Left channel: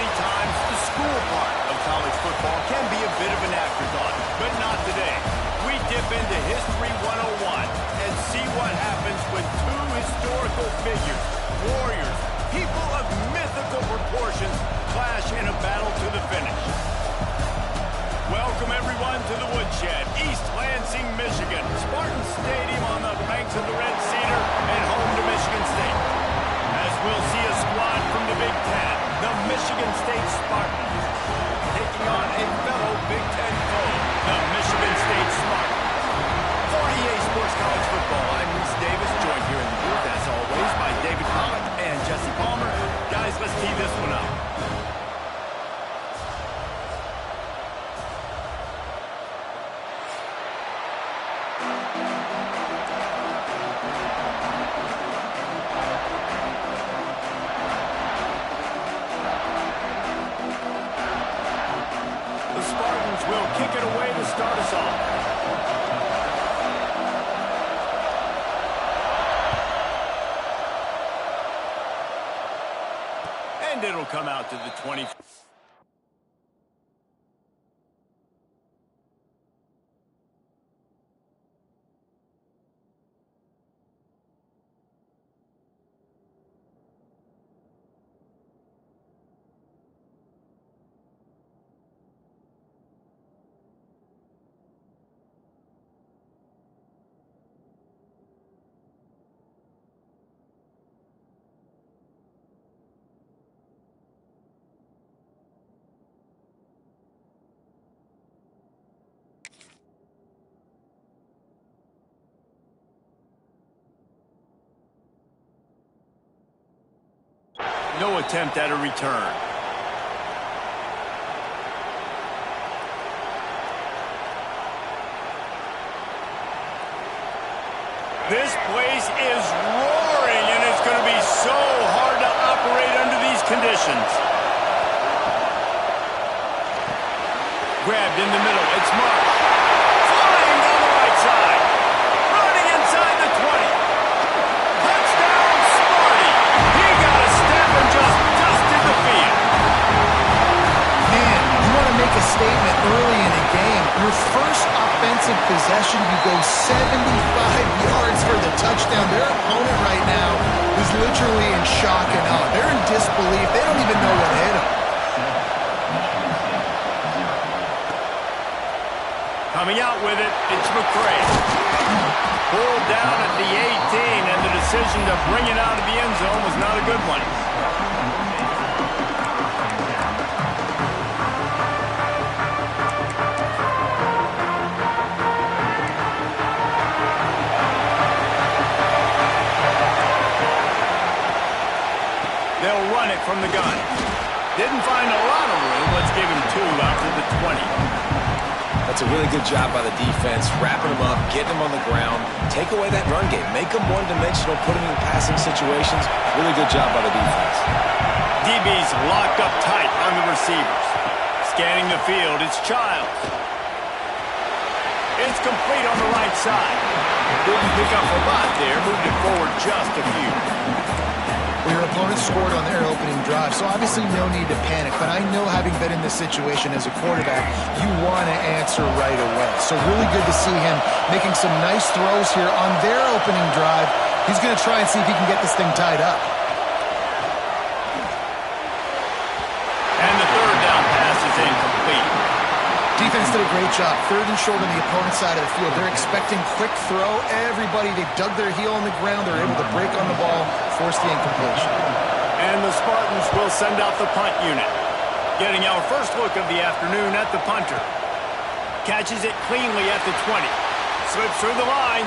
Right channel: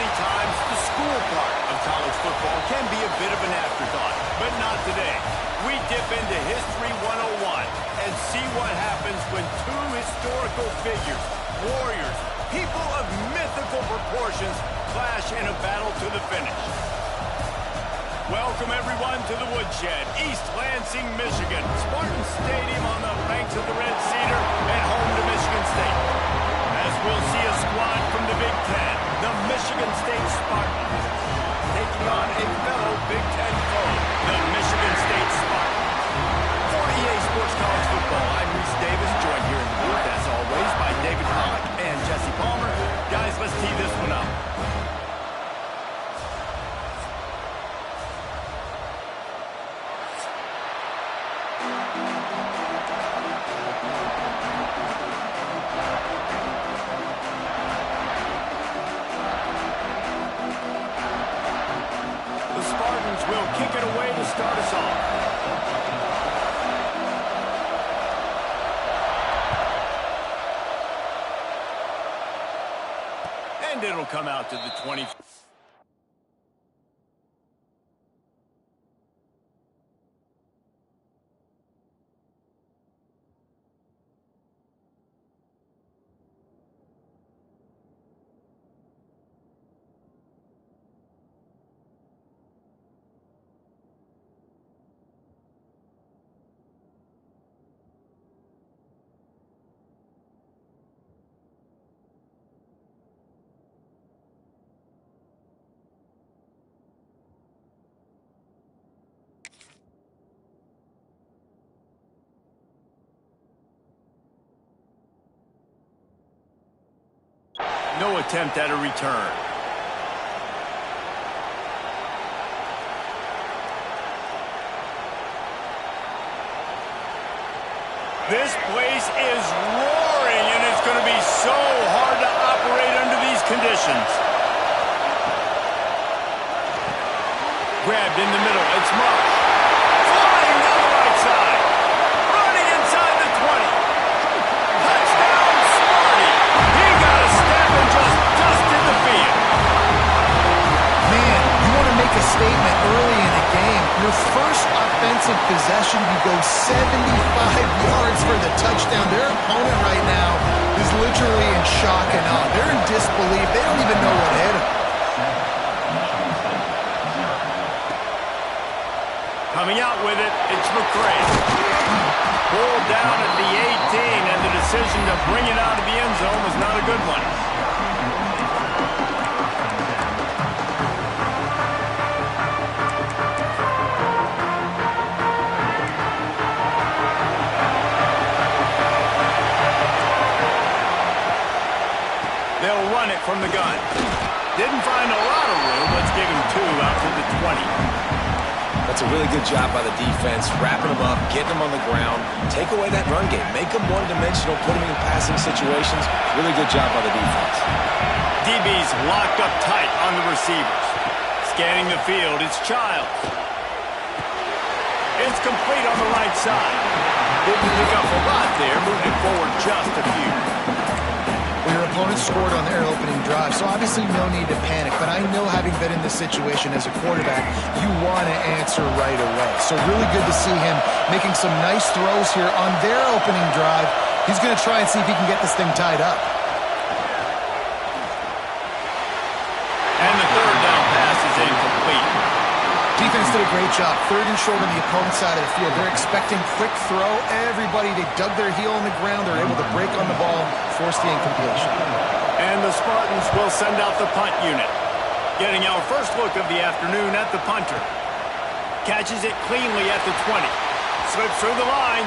Many times, the school part of college football can be a bit of an afterthought, but not today. We dip into History 101 and see what happens when two historical figures, warriors, people of mythical proportions, clash in a battle to the finish. Welcome, everyone, to the Woodshed, East Lansing, Michigan. Spartan Stadium on the banks of the Red Cedar and home to Michigan State. As we'll see a squad from the Big Ten, the Michigan State Spartans, taking on a fellow Big Ten foe, the Michigan State Spartans. For EA Sports College Football, I'm Reese Davis, joined here in the booth, as always, by David Pollack and Jesse Palmer. Guys, let's tee this one up. Will kick it away to start us off. And it'll come out to the 20. No attempt at a return. This place is roaring, and it's going to be so hard to operate under these conditions. Grabbed in the middle. It's Marsh. Flying down the right side. Running inside the 20. Touchdown, Sparty. He got a step and just dusted the field. Man, you want to make a statement early in a game. Your first offensive possession, you go 75 yards for the touchdown. Their opponent right now is literally in shock and awe. They're in disbelief. They don't even know what hit them. Coming out with it, it's McCray. Pulled down at the 18, and the decision to bring it out of the end zone was not a good one. They'll run it from the gun. Didn't find a lot of room. Let's give him 2 out to the 20. That's a really good job by the defense, wrapping them up, getting them on the ground. Take away that run game. Make them one-dimensional, put them in passing situations. Really good job by the defense. DB's locked up tight on the receivers. Scanning the field, it's Childs. It's complete on the right side. Didn't pick up a lot there, moved it forward just a few. Well, your opponent scored on their opening drive, so obviously no need to panic. But I know, having been in this situation as a quarterback, you want to answer right away. So really good to see him making some nice throws here on their opening drive. He's going to try and see if he can get this thing tied up. And the third down pass is incomplete. Defense did a great job. 3rd and short on the opponent's side of the field. They're expecting quick throw. Everybody, they dug their heel on the ground. They're able to break on the ball, force the incompletion. And the Spartans will send out the punt unit. Getting our first look of the afternoon at the punter. Catches it cleanly at the 20. Slips through the line.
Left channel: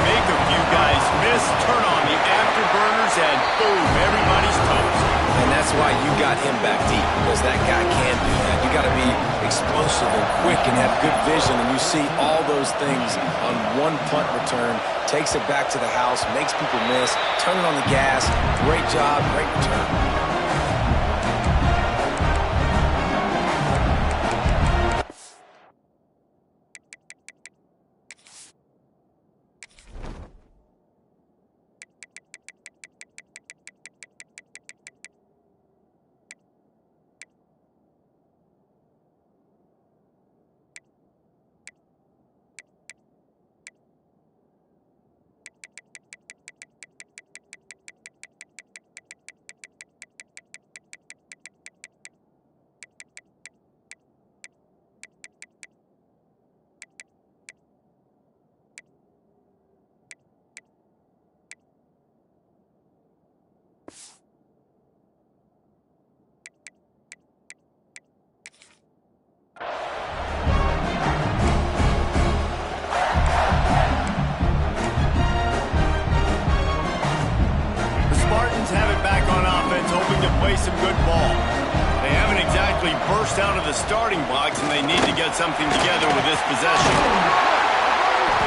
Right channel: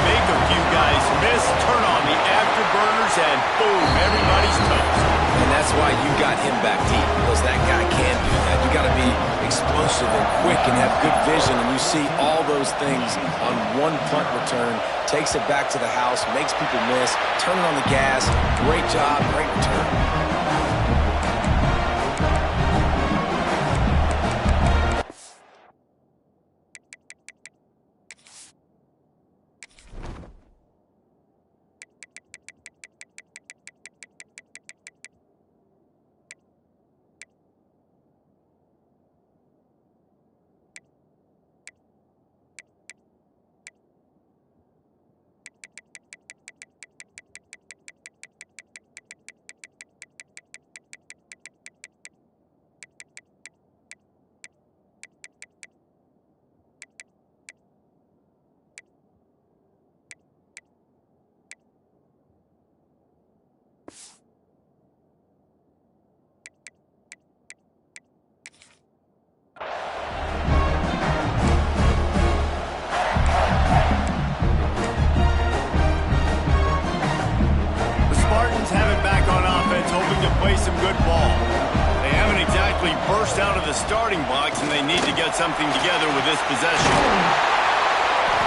Make a few guys miss, turn on the afterburners, and boom, everybody's toast. And that's why you got him back deep, because that guy can do that. You got to be explosive and quick and have good vision, and you see all those things on one punt return. Takes it back to the house, makes people miss, turning on the gas. Great job, great return. hoping to play some good ball. They haven't exactly burst out of the starting blocks, and they need to get something together with this possession.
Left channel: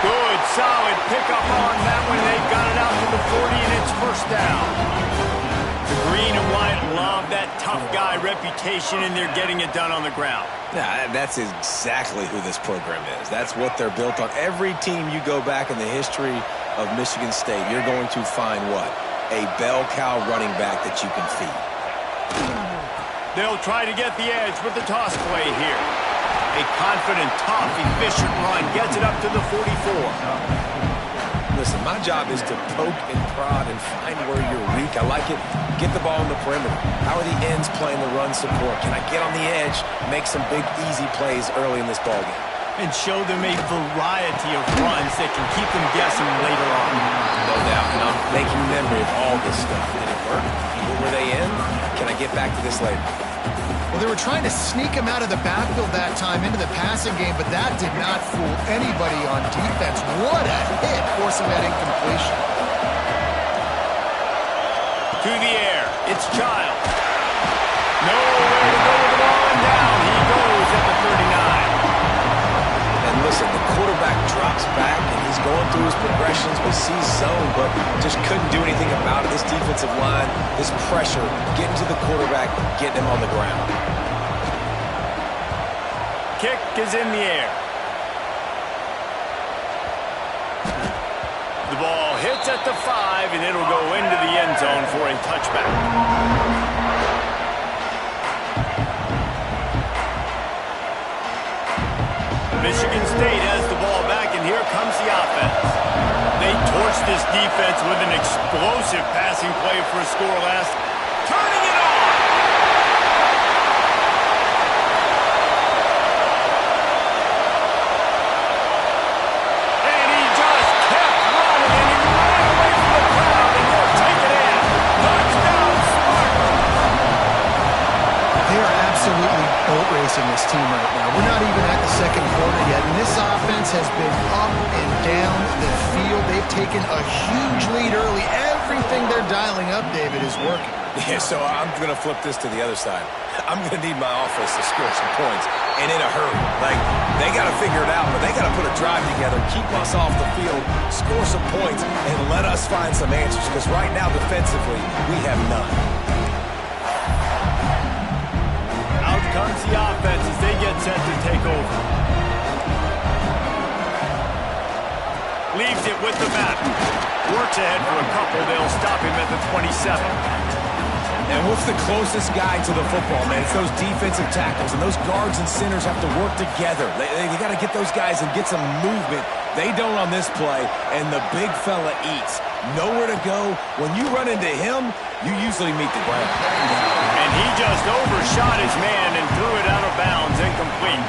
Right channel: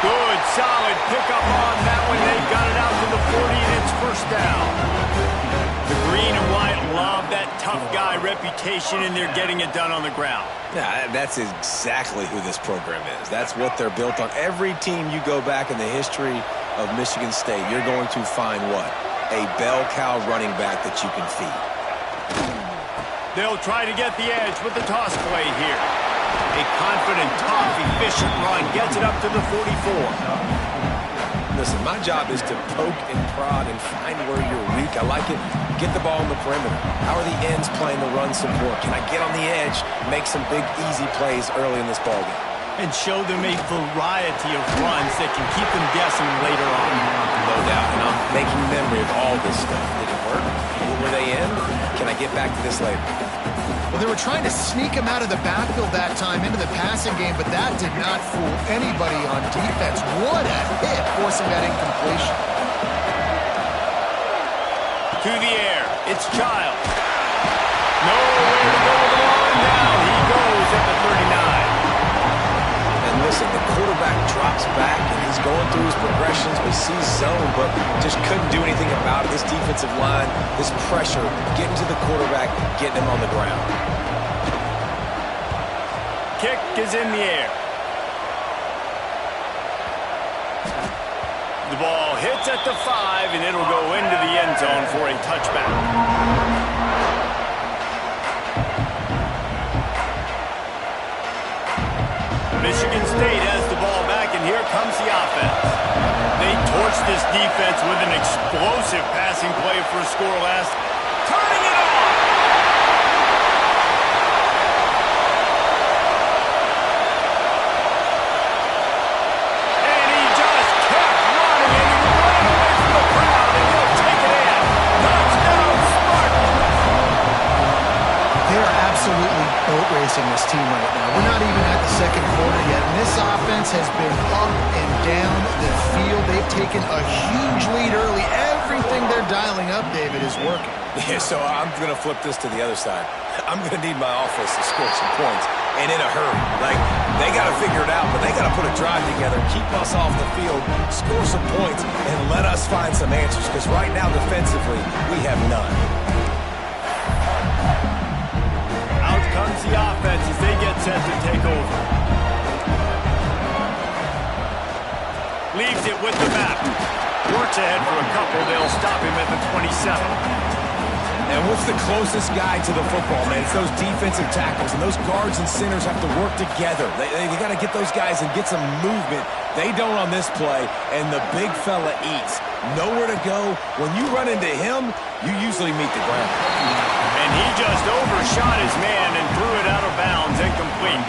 Good, solid pickup on that one. They've got it out to the 40, and it's first down. The green and white love that tough guy reputation, and they're getting it done on the ground. Yeah, that's exactly who this program is. That's what they're built on. Every team you go back in the history of Michigan State, you're going to find what? A bell cow running back that you can feed. They'll try to get the edge with the toss play here. A confident, tough, efficient run gets it up to the 44. Listen, my job is to poke and prod and find where you're weak. I like it. Get the ball on the perimeter. How are the ends playing the run support? Can I get on the edge, make some big, easy plays early in this ballgame? And show them a variety of runs that can keep them guessing later on. No doubt, and I'm making memory of all this stuff. Did it work? What were they in? Can I get back to this later? Well, they were trying to sneak him out of the backfield that time into the passing game, but that did not fool anybody on defense. What a hit, forcing that incompletion. To the air, it's Child. Nowhere to go with the ball, and down he goes at the 39. And listen, the quarterback drops back, and he's going through his progressions. We see zone, but just couldn't do anything about it. This defensive line, this pressure, getting to the quarterback, getting him on the ground. Kick is in the air. The ball hits at the 5, and it'll go into the end zone for a touchback. Michigan State has the ball back, and here comes the offense. They torched this defense with an explosive passing play for a score last. Turning it on! And he just kept running, and he ran away from the crowd, and he'll take it in. Touchdown, Spartans! They are absolutely boat racing this team right now. We're not even at the second quarter yet, and this offense has been up and down the field. They've taken a huge lead early. Everything they're dialing up, David, is working. Yeah, so I'm going to flip this to the other side. I'm going to need my offense to score some points, and in a hurry. Like, they got to figure it out, but they got to put a drive together, keep us off the field, score some points, and let us find some answers, because right now, defensively, we have none. Comes the offense as they get set to take over. Leaves it with the back. Works ahead for a couple. They'll stop him at the 27. And what's the closest guy to the football, man? It's those defensive tackles, and those guards and centers have to work together. They got to get those guys and get some movement. They don't on this play, and the big fella eats. Nowhere to go. When you run into him, you usually meet the ground. And he just overshot his man and threw it out of bounds, incomplete.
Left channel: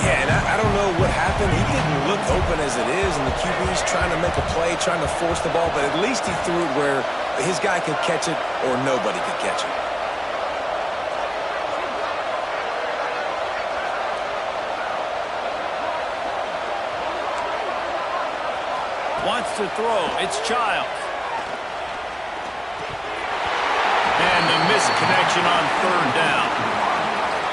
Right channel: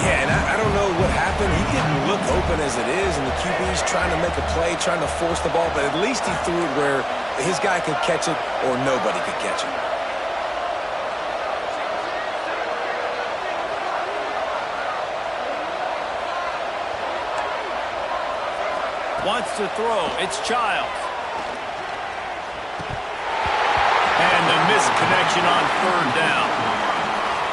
Yeah, and I don't know what happened. He didn't look open as it is, and the QB's trying to make a play, trying to force the ball, but at least he threw it where his guy could catch it or nobody could catch it. Wants to throw. It's Childs. And the misconnection on third down.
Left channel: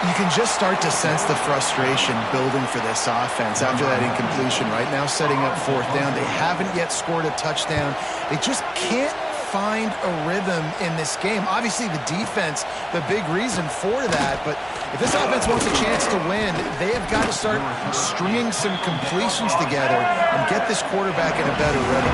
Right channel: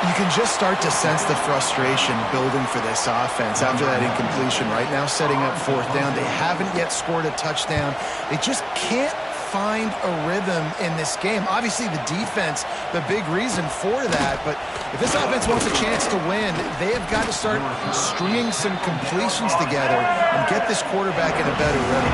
You can just start to sense the frustration building for this offense after that incompletion. Right now, setting up fourth down. They haven't yet scored a touchdown. They just can't find a rhythm in this game. Obviously, the defense, the big reason for that. But if this offense wants a chance to win, they have got to start stringing some completions together and get this quarterback in a better rhythm.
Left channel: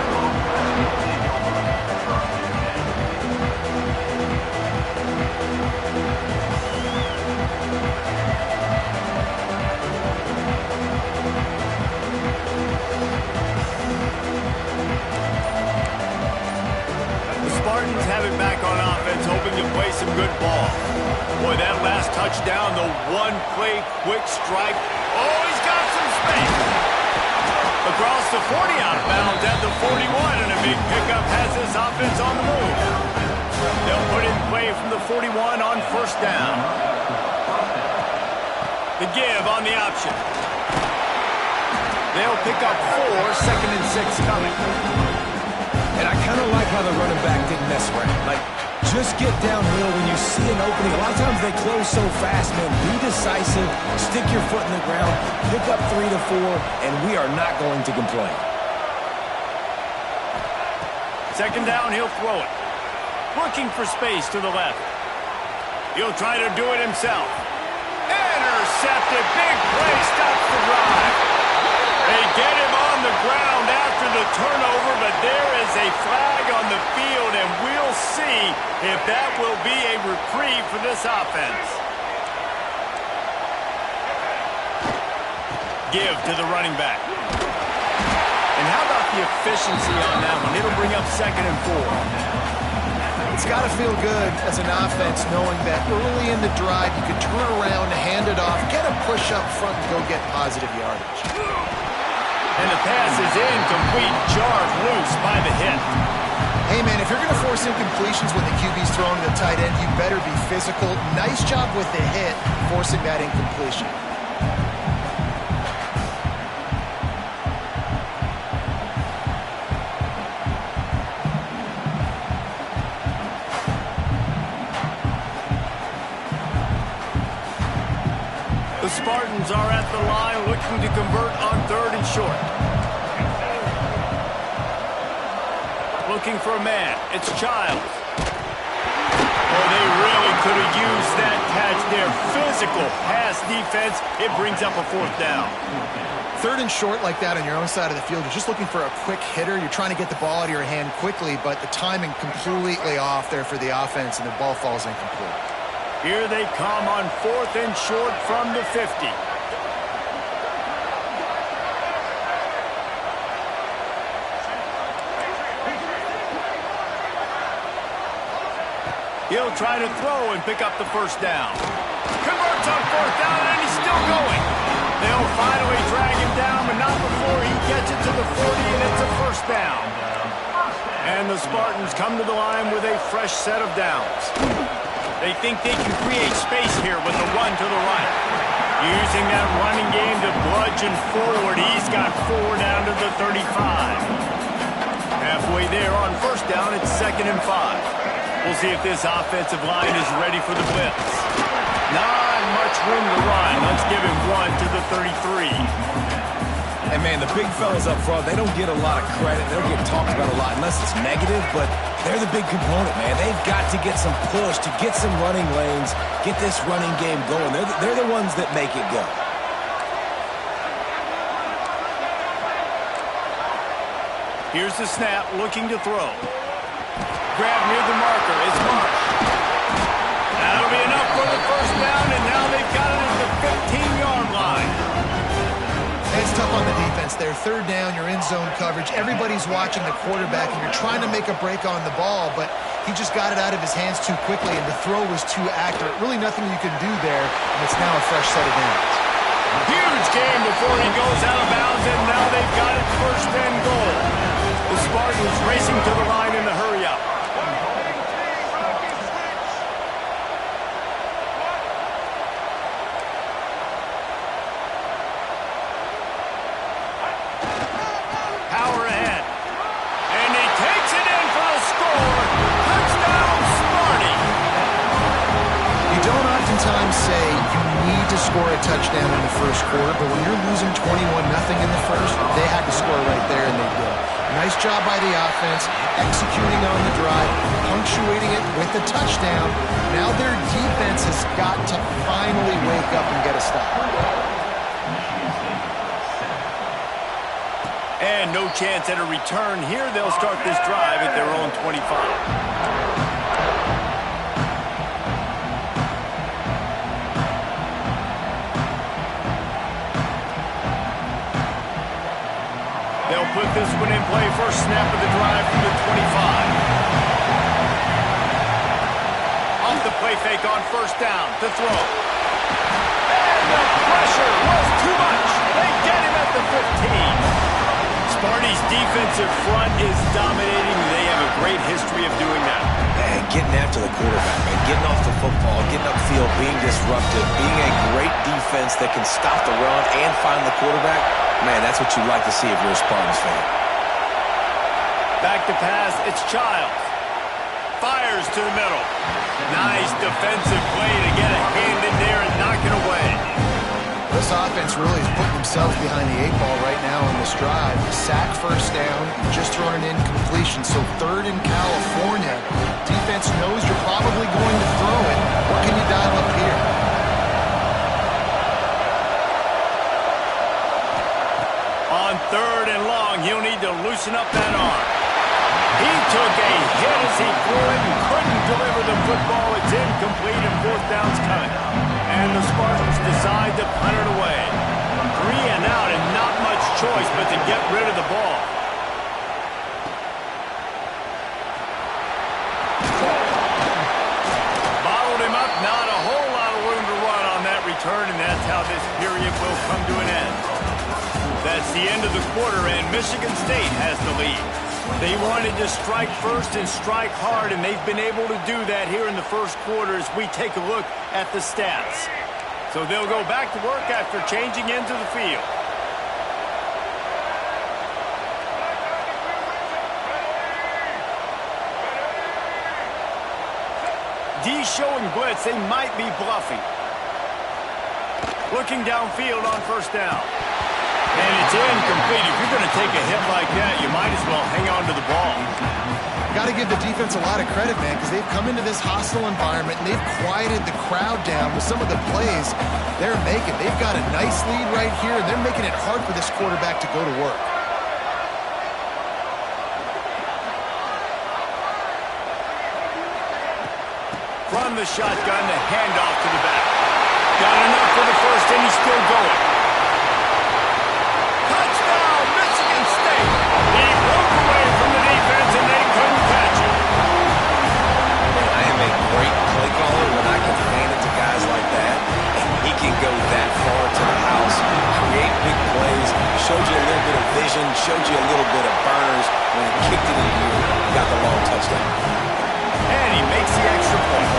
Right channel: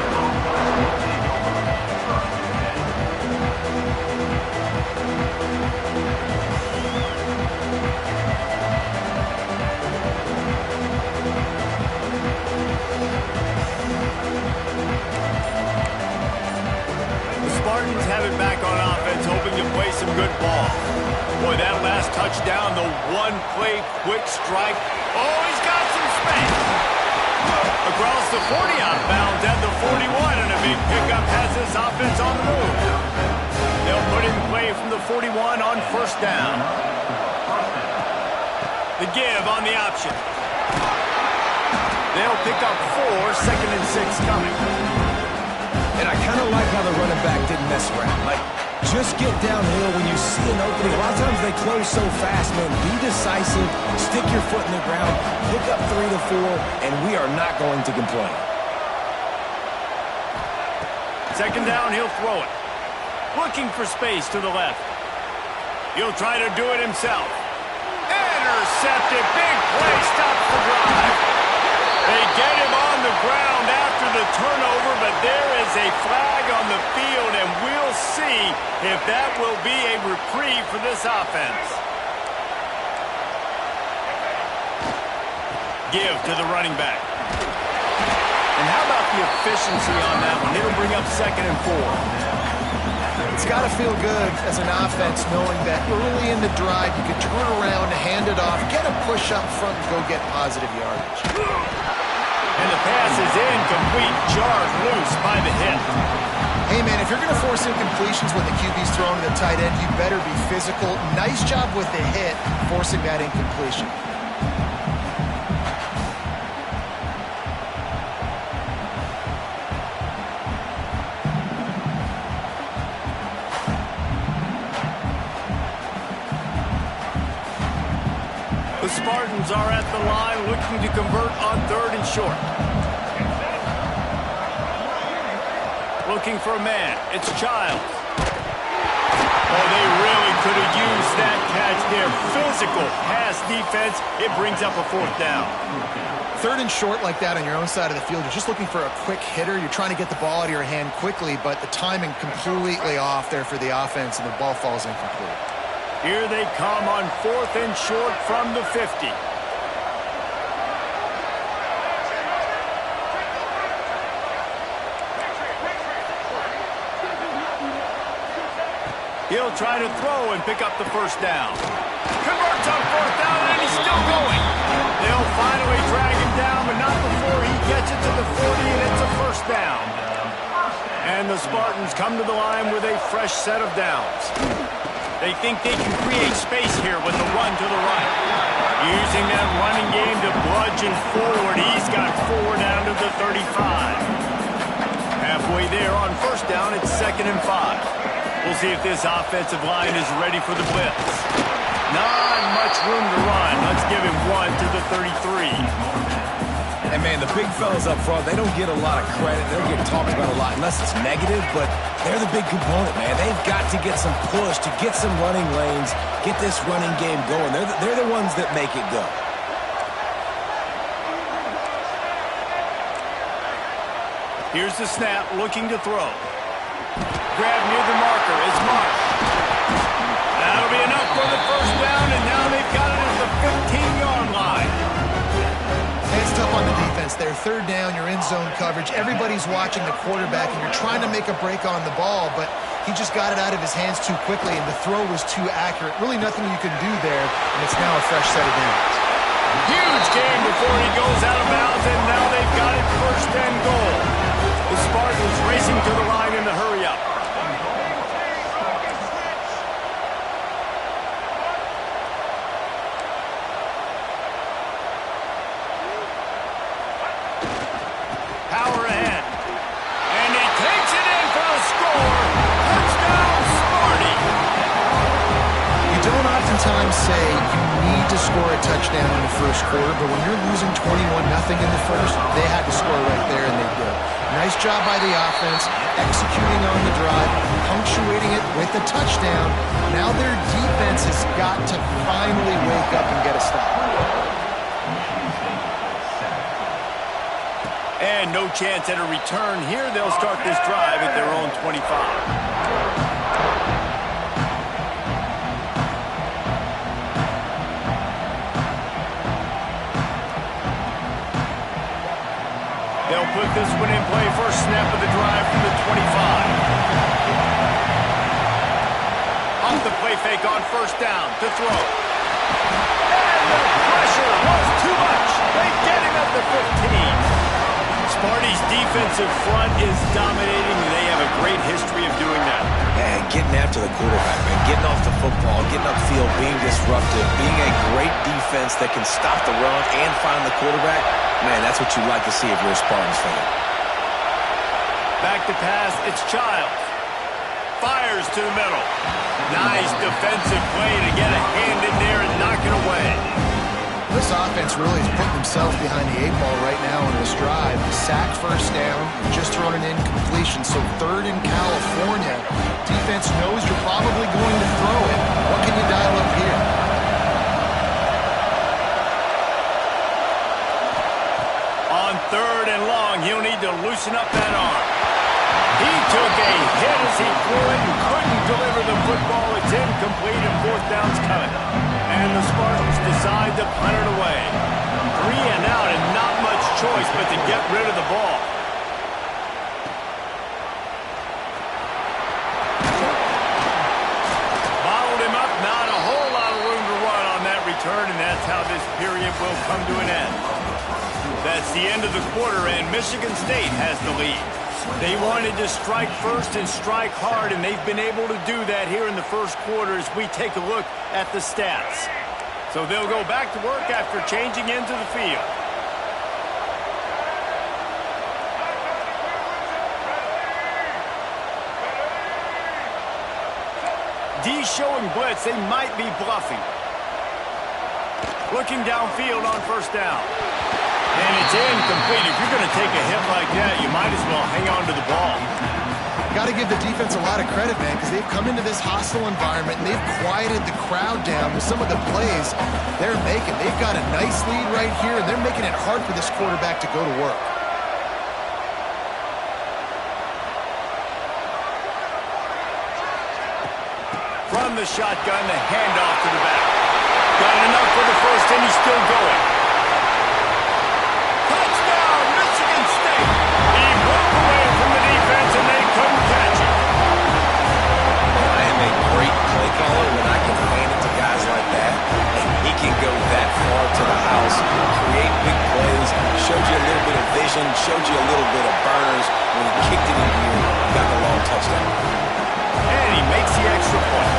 Spartans have it back on offense, hoping to play some good ball. Boy, that last touchdown, the one-play quick strike. Oh, he's got some space. Across the 40 out of bounds at the 41, and a big pickup has this offense on the move. They'll put in play from the 41 on first down. The give on the option. They'll pick up 4, 2nd and 6 coming. And I kind of like how the running back didn't mess around. Like, just get downhill when you see an opening. A lot of times they close so fast, man. Be decisive, stick your foot in the ground, pick up 3 to 4, and we are not going to complain. Second down, he'll throw it. Looking for space to the left. He'll try to do it himself. Intercepted. Big play. Stops the drive. They get him on the ground after the turnover, but there is a flag on the field, and we'll see if that will be a reprieve for this offense. Give to the running back. And how about the efficiency on that one? It'll bring up 2nd and 4. It's got to feel good as an offense knowing that early in the drive you can turn around, hand it off, get a push up front, and go get positive yardage. And the pass is incomplete, jarred loose by the hit. Hey, man, if you're going to force incompletions when the QB's thrown to the tight end, you better be physical. Nice job with the hit, forcing that incompletion. The Spartans are at the line looking to convert on 3rd and short. Looking for a man. It's Childs. Oh, they really could have used that catch there. Physical pass defense. It brings up a 4th down. 3rd and short like that on your own side of the field. You're just looking for a quick hitter. You're trying to get the ball out of your hand quickly, but the timing completely off there for the offense, and the ball falls incomplete. Here they come on 4th and short from the 50. He'll try to throw and pick up the 1st down. Converts on 4th down, and he's still going. They'll finally drag him down, but not before he gets it to the 40, and it's a 1st down. And the Spartans come to the line with a fresh set of downs. They think they can create space here with the run to the right. Using that running game to bludgeon forward. He's got 4 down to the 35. Halfway there on 1st down, it's 2nd and 5. We'll see if this offensive line is ready for the blitz. Not much room to run. Let's give him 1 to the 33. And, man, the big fellas up front, they don't get a lot of credit. They don't get talked about a lot unless it's negative, but they're the big component, man. They've got to get some push, to get some running lanes, get this running game going. They're the ones that make it go. Here's the snap, looking to throw. Grab near the marker. It's Marsh. That'll be enough for the 1st down, and now they've got it at the 15-yard line. It's tough on the defense there. 3rd down, you're in zone coverage. Everybody's watching the quarterback, and you're trying to make a break on the ball, but he just got it out of his hands too quickly, and the throw was too accurate. Really nothing you can do there, and it's now a fresh set of downs. Huge game before he goes out of bounds, and now they've got it 1st and goal. The Spartans racing to the line in the hurry-up. Power ahead. And he takes it in for the score. Touchdown, Sparty. You don't oftentimes say you need to score a touchdown in the 1st quarter, but when you're losing 21-0 in the 1st, they had to score right there, and they did. Nice job by the offense, executing on the drive, punctuating it with a touchdown. Now their defense has got to finally wake up and get a stop. And no chance at a return here. They'll start this drive at their own 25. They'll put this one in play. First snap of the drive from the 25. Off the play fake on 1st down to throw. And the pressure was too much. They get him at the 15. Sparty's defensive front is dominating. They have a great history of doing that. And getting after the quarterback, man. Getting off the football, getting upfield, being disruptive, being a great defense that can stop the run and find the quarterback. Man, that's what you like to see if you're a Spartans fan. Back to pass, it's Childs. Fires to the middle. Nice defensive play to get a hand in there and knock it away. This offense really is putting themselves behind the 8-ball right now on this drive. Sack, first down, just thrown an incompletion. So third in California. Defense knows you're probably going to throw it. What can you dial up here? On third and long, he'll need to loosen up that arm. He took a hit as he threw it and couldn't deliver the football. It's incomplete and fourth down's coming. And the Spartans decide to punt it away. 3 and out and not much choice but to get rid of the ball. Bottled him up, not a whole lot of room to run on that return, and that's how this period will come to an end. That's the end of the quarter, and Michigan State has the lead. They wanted to strike first and strike hard, and they've been able to do that here in the first quarter as we take a look at the stats. So they'll go back to work after changing into the field. D showing blitz. They might be bluffing. Looking downfield on first down. And it's incomplete. If you're going to take a hit like that, you might as well hang on to the ball. Got to give the defense a lot of credit, man, because they've come into this hostile environment and they've quieted the crowd down with some of the plays they're making. They've got a nice lead right here, and they're making it hard for this quarterback to go to work. From the shotgun, the handoff to the back. Got enough for the first, and he's still going. Touchdown, Michigan State. He broke away from the defense, and they couldn't catch him. Man, I am a great play caller when I can hand it to guys like that, and he can go that far to the house, create big plays, showed you a little bit of vision, showed you a little bit of burners. When he kicked it in gear, got the long touchdown. And he makes the extra point.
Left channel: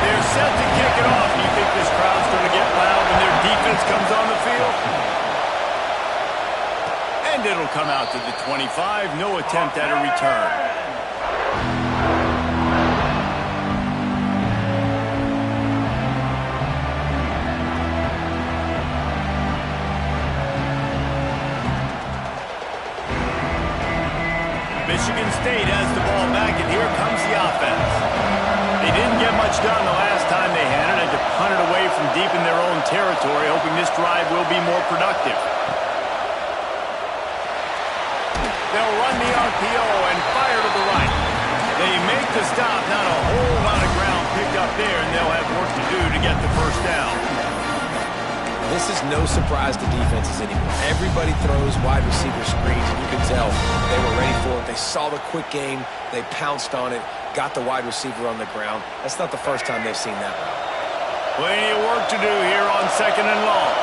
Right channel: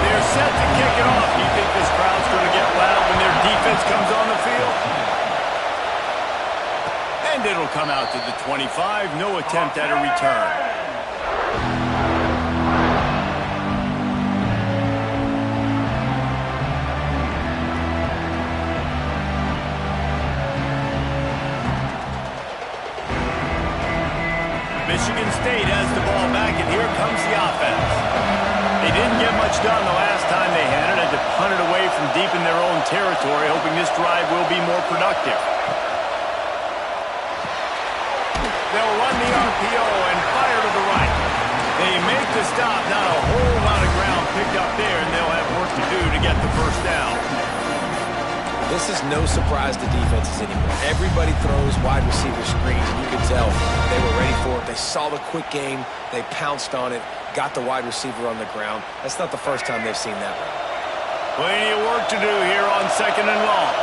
They're set to kick it off. Do you think this crowd's going to get loud when their defense comes on the field? And it'll come out to the 25. No attempt at a return. Michigan State has the ball back, and here comes the offense. They didn't get much done the last time they had it. Had to punt it away from deep in their own territory, hoping this drive will be more productive. They'll run the RPO and fire to the right. They make the stop. Not a whole lot of ground picked up there, and they'll have work to do to get the first down. This is no surprise to defenses anymore. Everybody throws wide receiver screens, and you can tell they were ready for it. They saw the quick game. They pounced on it, got the wide receiver on the ground. That's not the first time they've seen that route. Plenty of work to do here on second and long.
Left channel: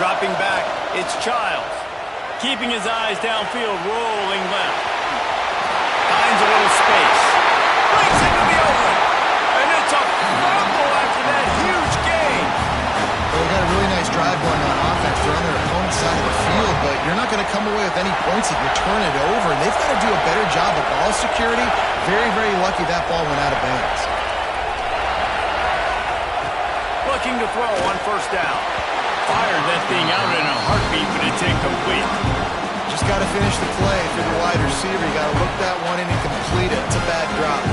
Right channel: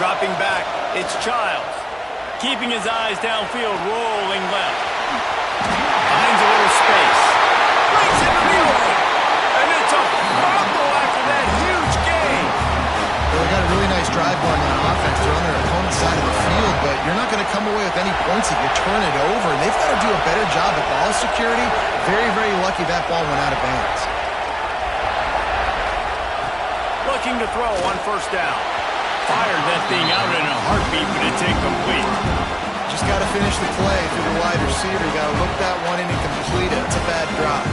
Dropping back, it's Childs. Keeping his eyes downfield, rolling left. Finds a little space. Breaks into the open. And it's a fumble after that huge gain. Well, they got a really nice drive going on offense. They're on their opponent's side of the field, but you're not going to come away with any points if you turn it over. And they've got to do a better job of ball security. Very, very lucky that ball went out of bounds. Looking to throw on first down. Fired that thing out in a heartbeat, but it's incomplete. Just got to finish the play. If you're the wide receiver, you got to look that one in and complete it. It's a bad drop.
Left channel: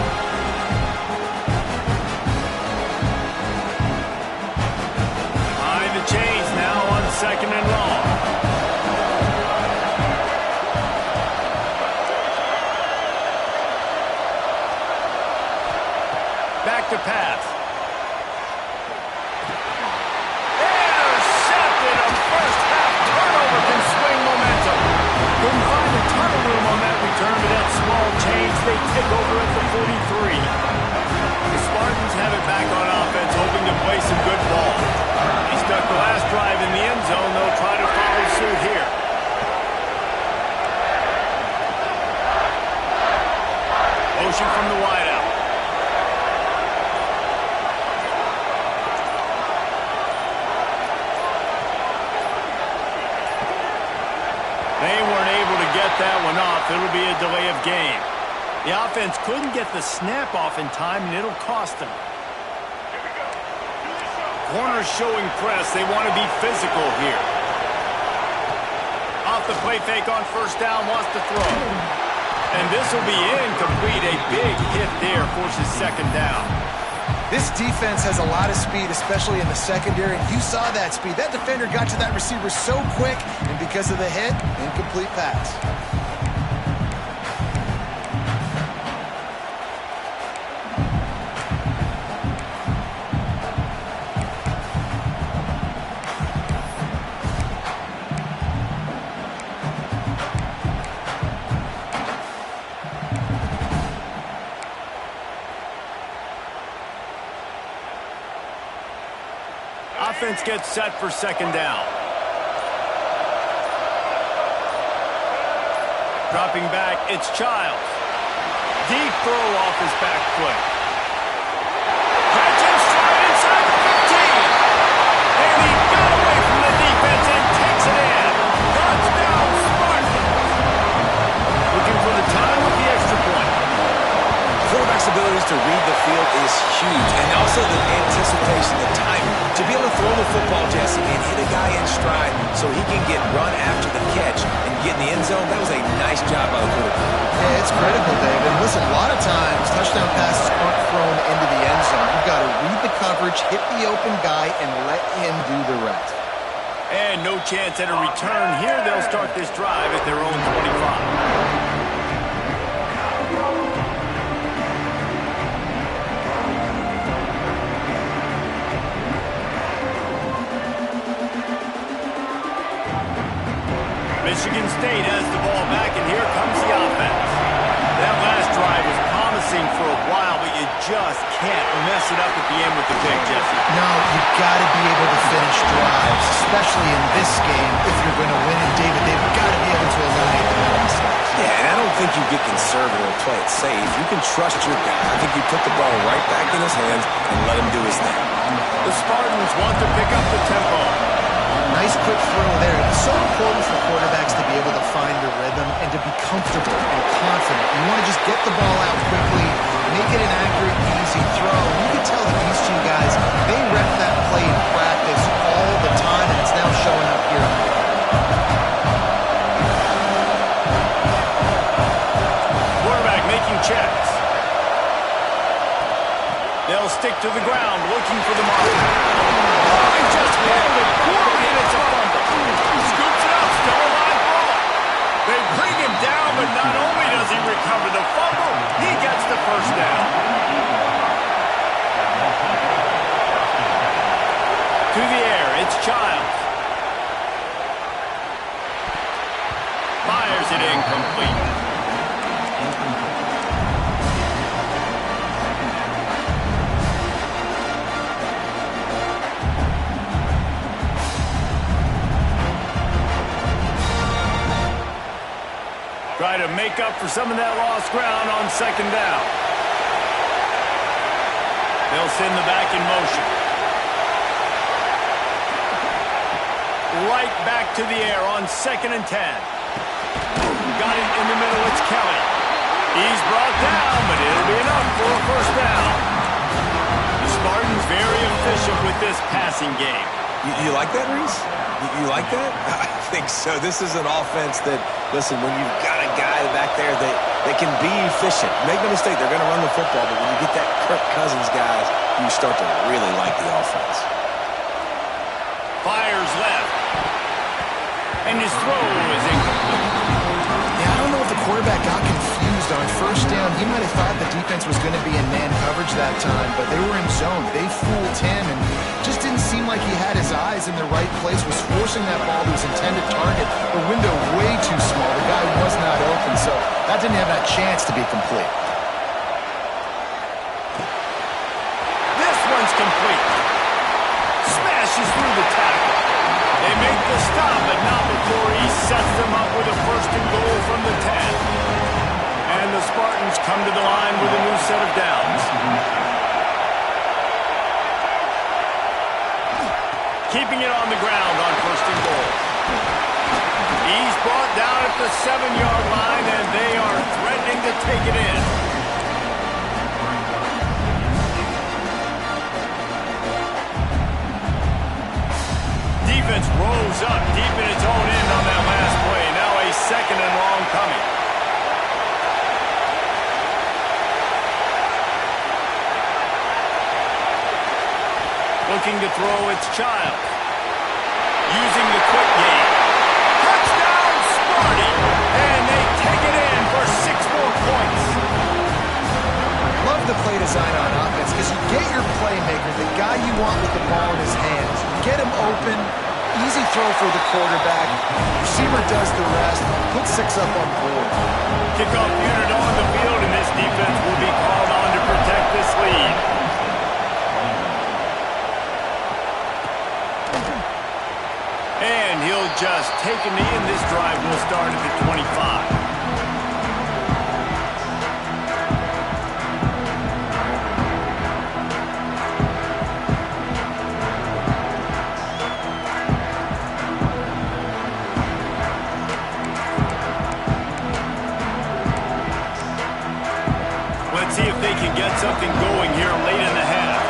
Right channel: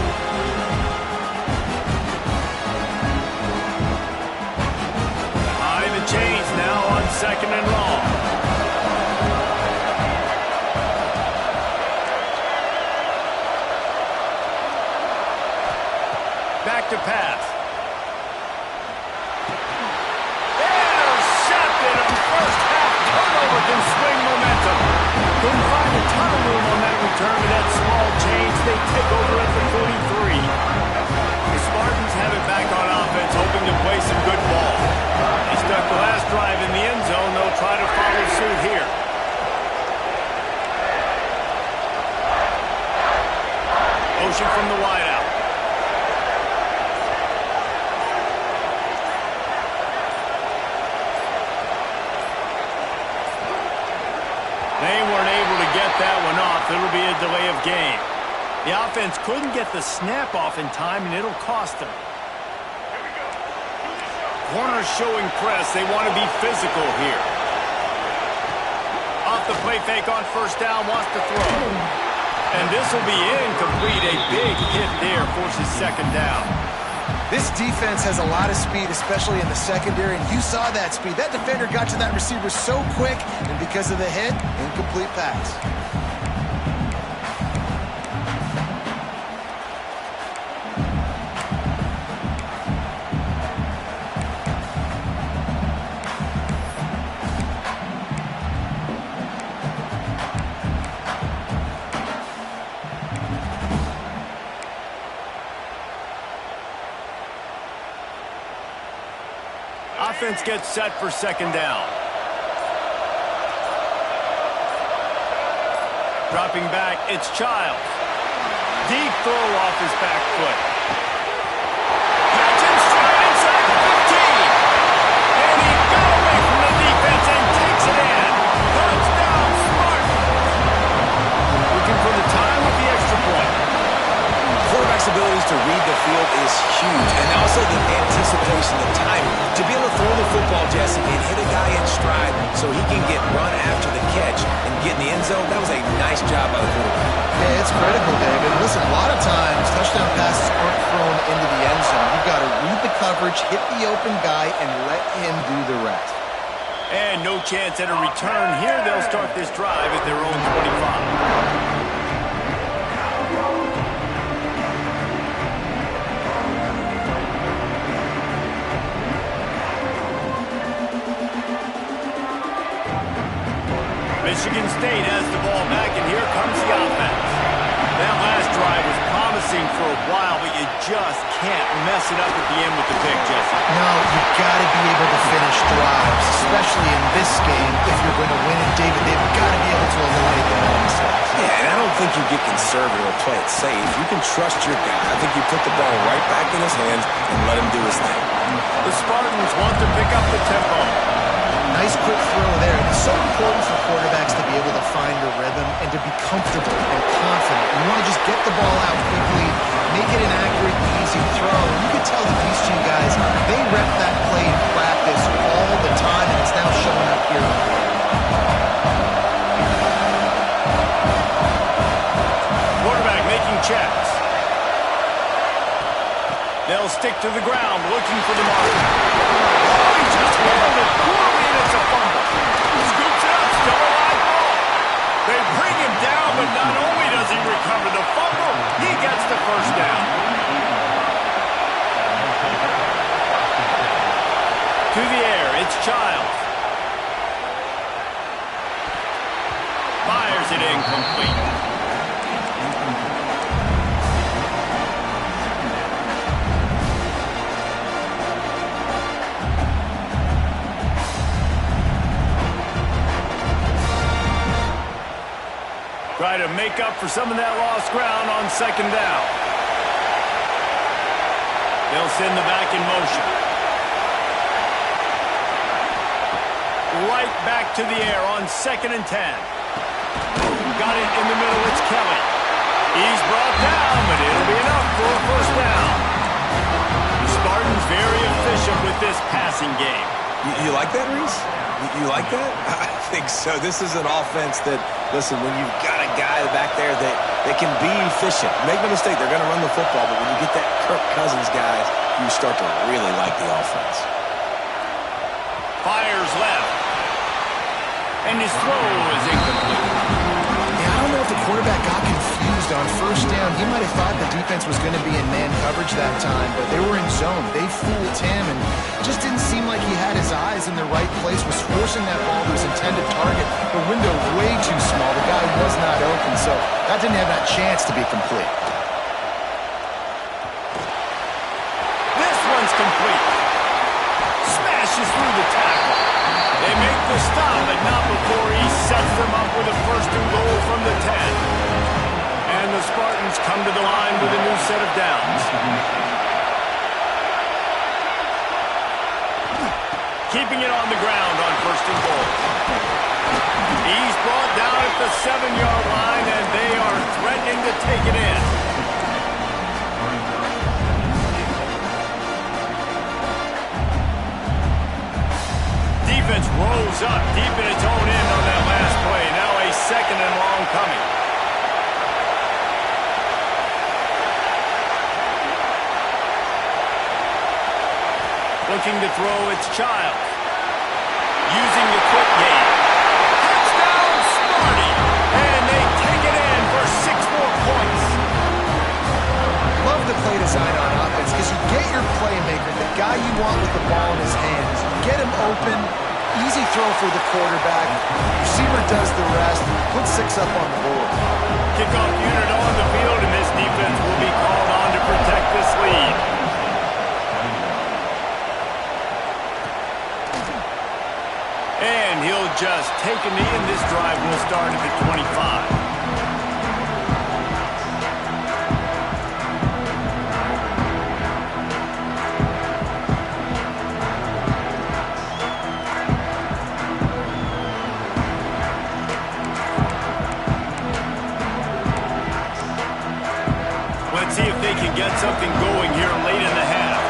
Behind the chains now on second and long. Back to pass. Intercepted. A first half turnover can swing momentum. Couldn't find a ton of room on that return to that small change. They take over at the 43. The Spartans have it back on offense, hoping to play some good ball. They stuck the last drive in the end zone. They'll try to follow suit here. Motion from the wideout. get that one off. It'll be a delay of game. The offense couldn't get the snap off in time, and it'll cost them. Corners showing press. They want to be physical here. Off the play fake on first down, wants to throw. And this will be incomplete. A big hit there forces second down. This defense has a lot of speed, especially in the secondary, and you saw that speed. That defender got to that receiver so quick, and because of the hit, incomplete pass. Offense gets set for second down. Dropping back, it's Childs. Deep throw off his back foot. Catch and stride inside the 15. And he got away from the defense and takes it in. Touchdown, Spartans. Looking for the time with the extra point. Quarterback's abilities to read the field is huge, and also the anticipation, the timing. To be able to throw the football, Jesse, and hit a guy in stride so he can get run after the catch and get in the end zone, that was a nice job by the quarterback. Yeah, it's critical, David. Listen, a lot of times touchdown passes aren't thrown into the end zone. You've got to read the coverage, hit the open guy, and let him do the rest. And no chance at a return here. They'll start this drive at their own 25. Michigan State has the ball back, and here comes the offense. That last drive was promising for a while, but you just can't mess it up at the end with the pick, Jesse. No, you've got to be able to finish drives, especially in this game. If you're going to win it, David, they've got to be able to eliminate the mental mistakes. Yeah, and I don't think you get conservative or play it safe. You can trust your guy. I think you put the ball right back in his hands and let him do his thing. The Spartans want to pick up the tempo. Nice quick throw there. It's so important for quarterbacks to be able to find a rhythm and to be comfortable and confident. You want to just get the ball out quickly, make it an accurate, easy throw. You can tell that these two guys, they rep that play in practice all the time, and it's now showing up here on the field. Quarterback making checks. They'll stick to the ground, looking for the mark. Oh, he just handled it poorly, and it's a fumble. Scoops it up, still a live ball. They bring him down, but not only does he recover the fumble, he gets the first down. To the air, it's Childs. Fires it incomplete. Try to make up for some of that lost ground on second down. They'll send the back in motion. Right back to the air on 2nd and 10. Got it in the middle, it's Kelly. He's brought down, but it'll be enough for a first down. The Spartans very efficient with this passing game. You like that, Reese? You like that? I think so. This is an offense that, listen, when you've got a guy back there that can be efficient, make no mistake, they're going to run the football, but when you get that Kirk Cousins guys, you start to really like the offense. Fires left. And his throw is incomplete. Yeah, I don't know if the quarterback got confused on first down. He might have thought the defense was going to be in man coverage that time, but they were in zone. They fooled him and just didn't seem like he had his eyes in the right place, was forcing that ball to his intended target. The window way too small. The guy was not open, so that didn't have that chance to be complete. This one's complete. Smashes through the tackle. They make the stop, but not before he sets them up with a 1st and goal from the 10. And the Spartans come to the line with a new set of downs. Keeping it on the ground on 1st and goal. He's brought down at the 7-yard line, and they are threatening to take it in. Defense rolls up deep in its own end on that last play. Now a 2nd and long coming. Looking to throw, it's Childs. Using the quick game. Touchdown, Sparty! And they take it in for 6 more points. Love the play design on offense because you get your playmaker, the guy you want with the ball in his hands. You get him open, easy throw for the quarterback. Receiver does the rest, put 6 up on the board. Kickoff unit on the field, and this defense will be called on to protect this lead. And he'll just take a knee, and this drive will start at the 25. Let's see if they can get something going here late in the half.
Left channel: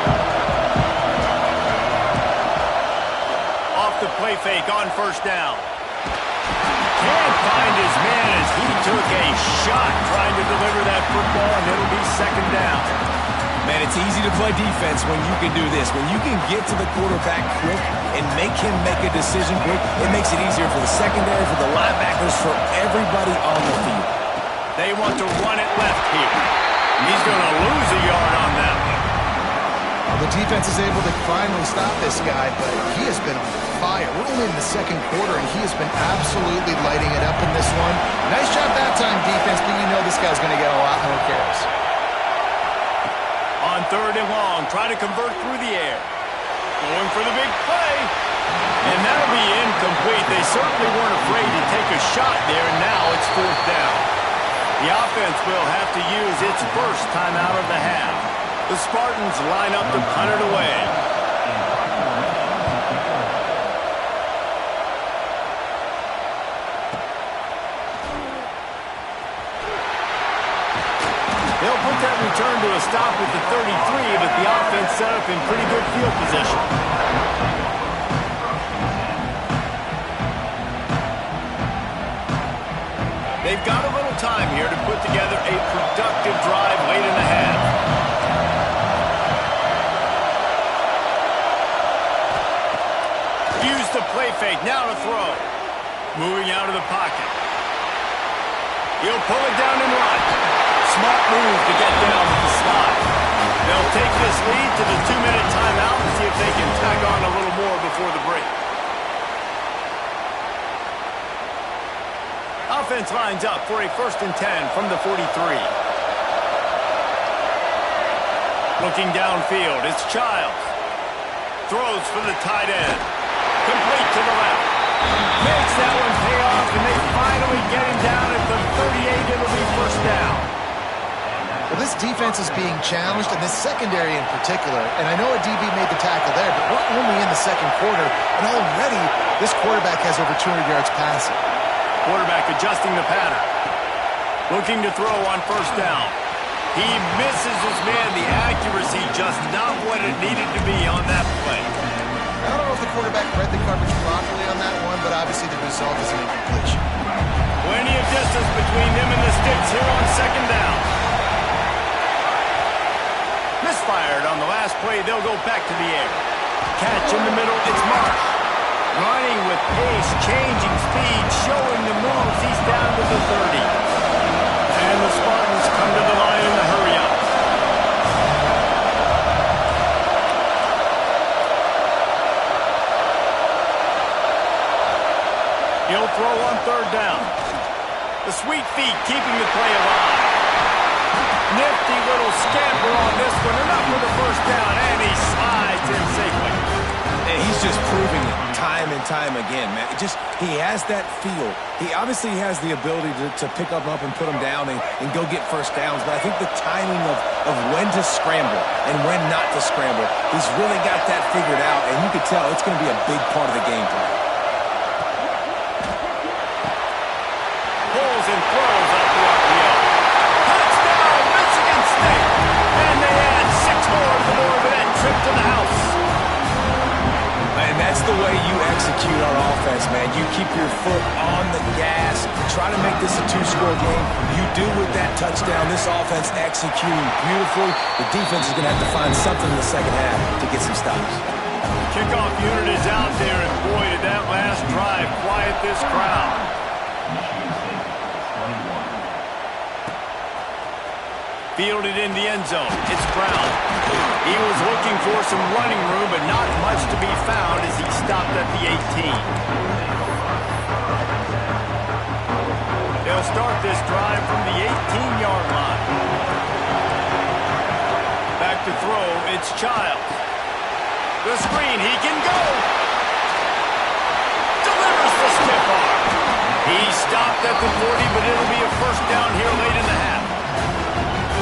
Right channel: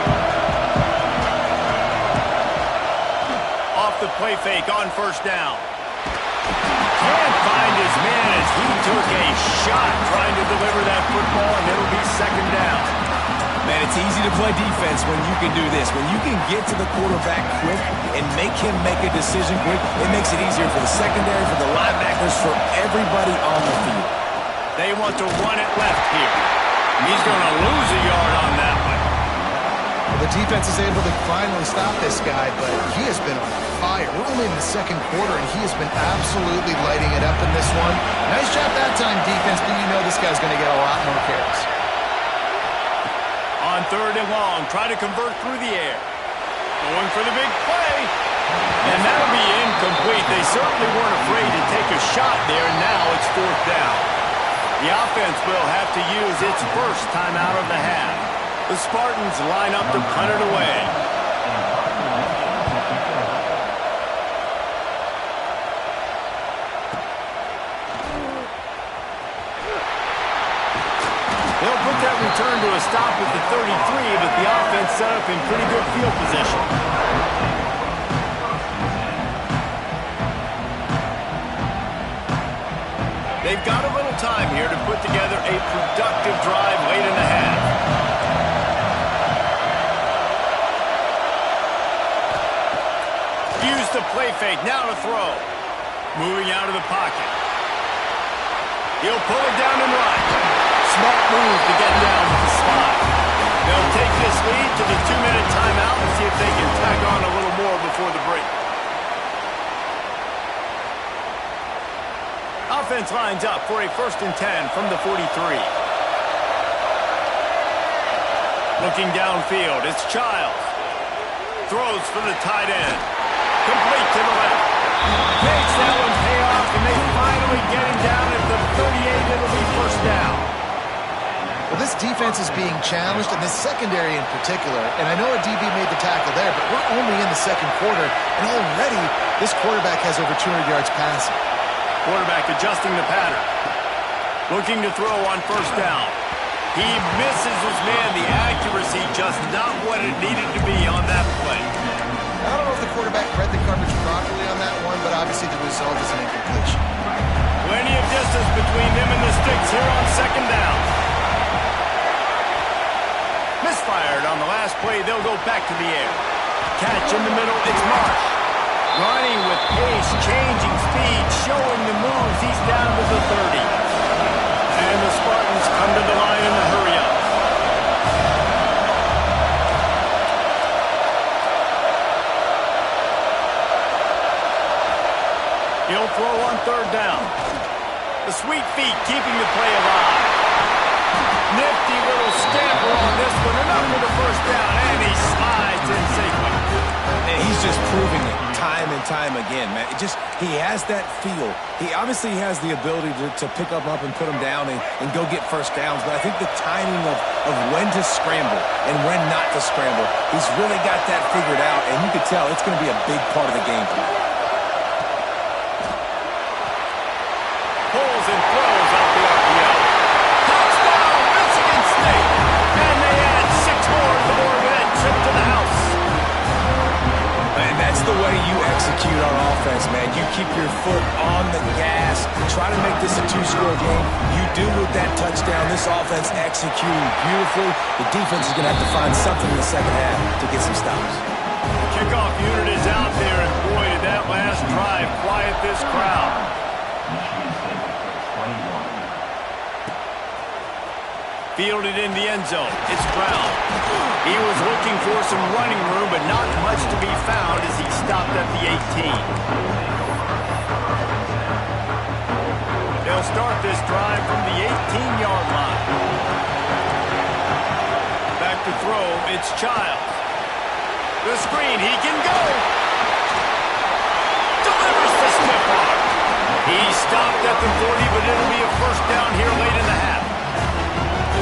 Off the play fake on 1st down. Can't find his man as he took a shot trying to deliver that football, and it'll be 2nd down. Man, it's easy to play defense when you can do this. When you can get to the quarterback quick and make him make a decision quick, it makes it easier for the secondary, for the linebackers, for everybody on the field. They want to run it left here. He's going to lose a yard on that one. Well, the defense is able to finally stop this guy, but he has been on fire. We're only in the 2nd quarter, and he has been absolutely lighting it up in this one. Nice job that time, defense, but you know this guy's going to get a lot more carries. On 3rd and long, try to convert through the air. Going for the big play. And that'll be incomplete. They certainly weren't afraid to take a shot there, and now it's 4th down. The offense will have to use its first timeout of the half. The Spartans line up to punt it away. They'll put that return to a stop at the 33, but the offense set up in pretty good field position. They've got a little time here to put together a productive drive late in the half. Use the play fake, now to throw. Moving out of the pocket. He'll pull it down and run. Smart move to get down with the slide. They'll take this lead to the 2-minute timeout and see if they can tack on a little more before the break. Offense lines up for a 1st and 10 from the 43. Looking downfield, it's Childs. Throws for the tight end. Complete to the left. Makes that one pay off, and they finally get him down at the 38. It'll be 1st down. Well, this defense is being challenged, and this secondary in particular. And I know a DB made the tackle there, but we're only in the 2nd quarter, and already this quarterback has over 200 yards passing. Quarterback adjusting the pattern. Looking to throw on 1st down. He misses his man. The accuracy just not what it needed to be on that play. I don't know if the quarterback read the coverage properly on that one, but obviously the result is an incompletion. Plenty of distance between them and the sticks here on 2nd down. Misfired on the last play. They'll go back to the air. Catch in the middle. It's Marsh. Running with pace, changing speed, showing the moves. He's down to the 30. And the Spartans come to the line in the hurry-up. He'll throw on 3rd down. The sweet feet keeping the play alive. Nifty little scamper on this one. Enough for the 1st down, and he slides in safely. And he's just proving it time and time again, man. He has that feel. He obviously has the ability to pick them up and put them down and go get 1st downs, but I think the timing of when to scramble and when not to scramble, he's really got that figured out, and you could tell it's going to be a big part of the game tonight. trip to the house. And that's the way you execute on offense, man. You keep your foot on the gas. Try to make this a two-score game. You do with that touchdown. This offense executing beautifully. The defense is going to have to find something in the second half to get some stops. The kickoff unit is out there, and boy, did that last drive quiet this crowd. Fielded in the end zone. It's Brown. He was looking for some running room, but not much to be found as he stopped at the 18. They'll start this drive from the 18-yard line. Back to throw, it's Childs. The screen, he can go. Delivers the stiff arm. He stopped at the 40, but it'll be a first down here late in the half.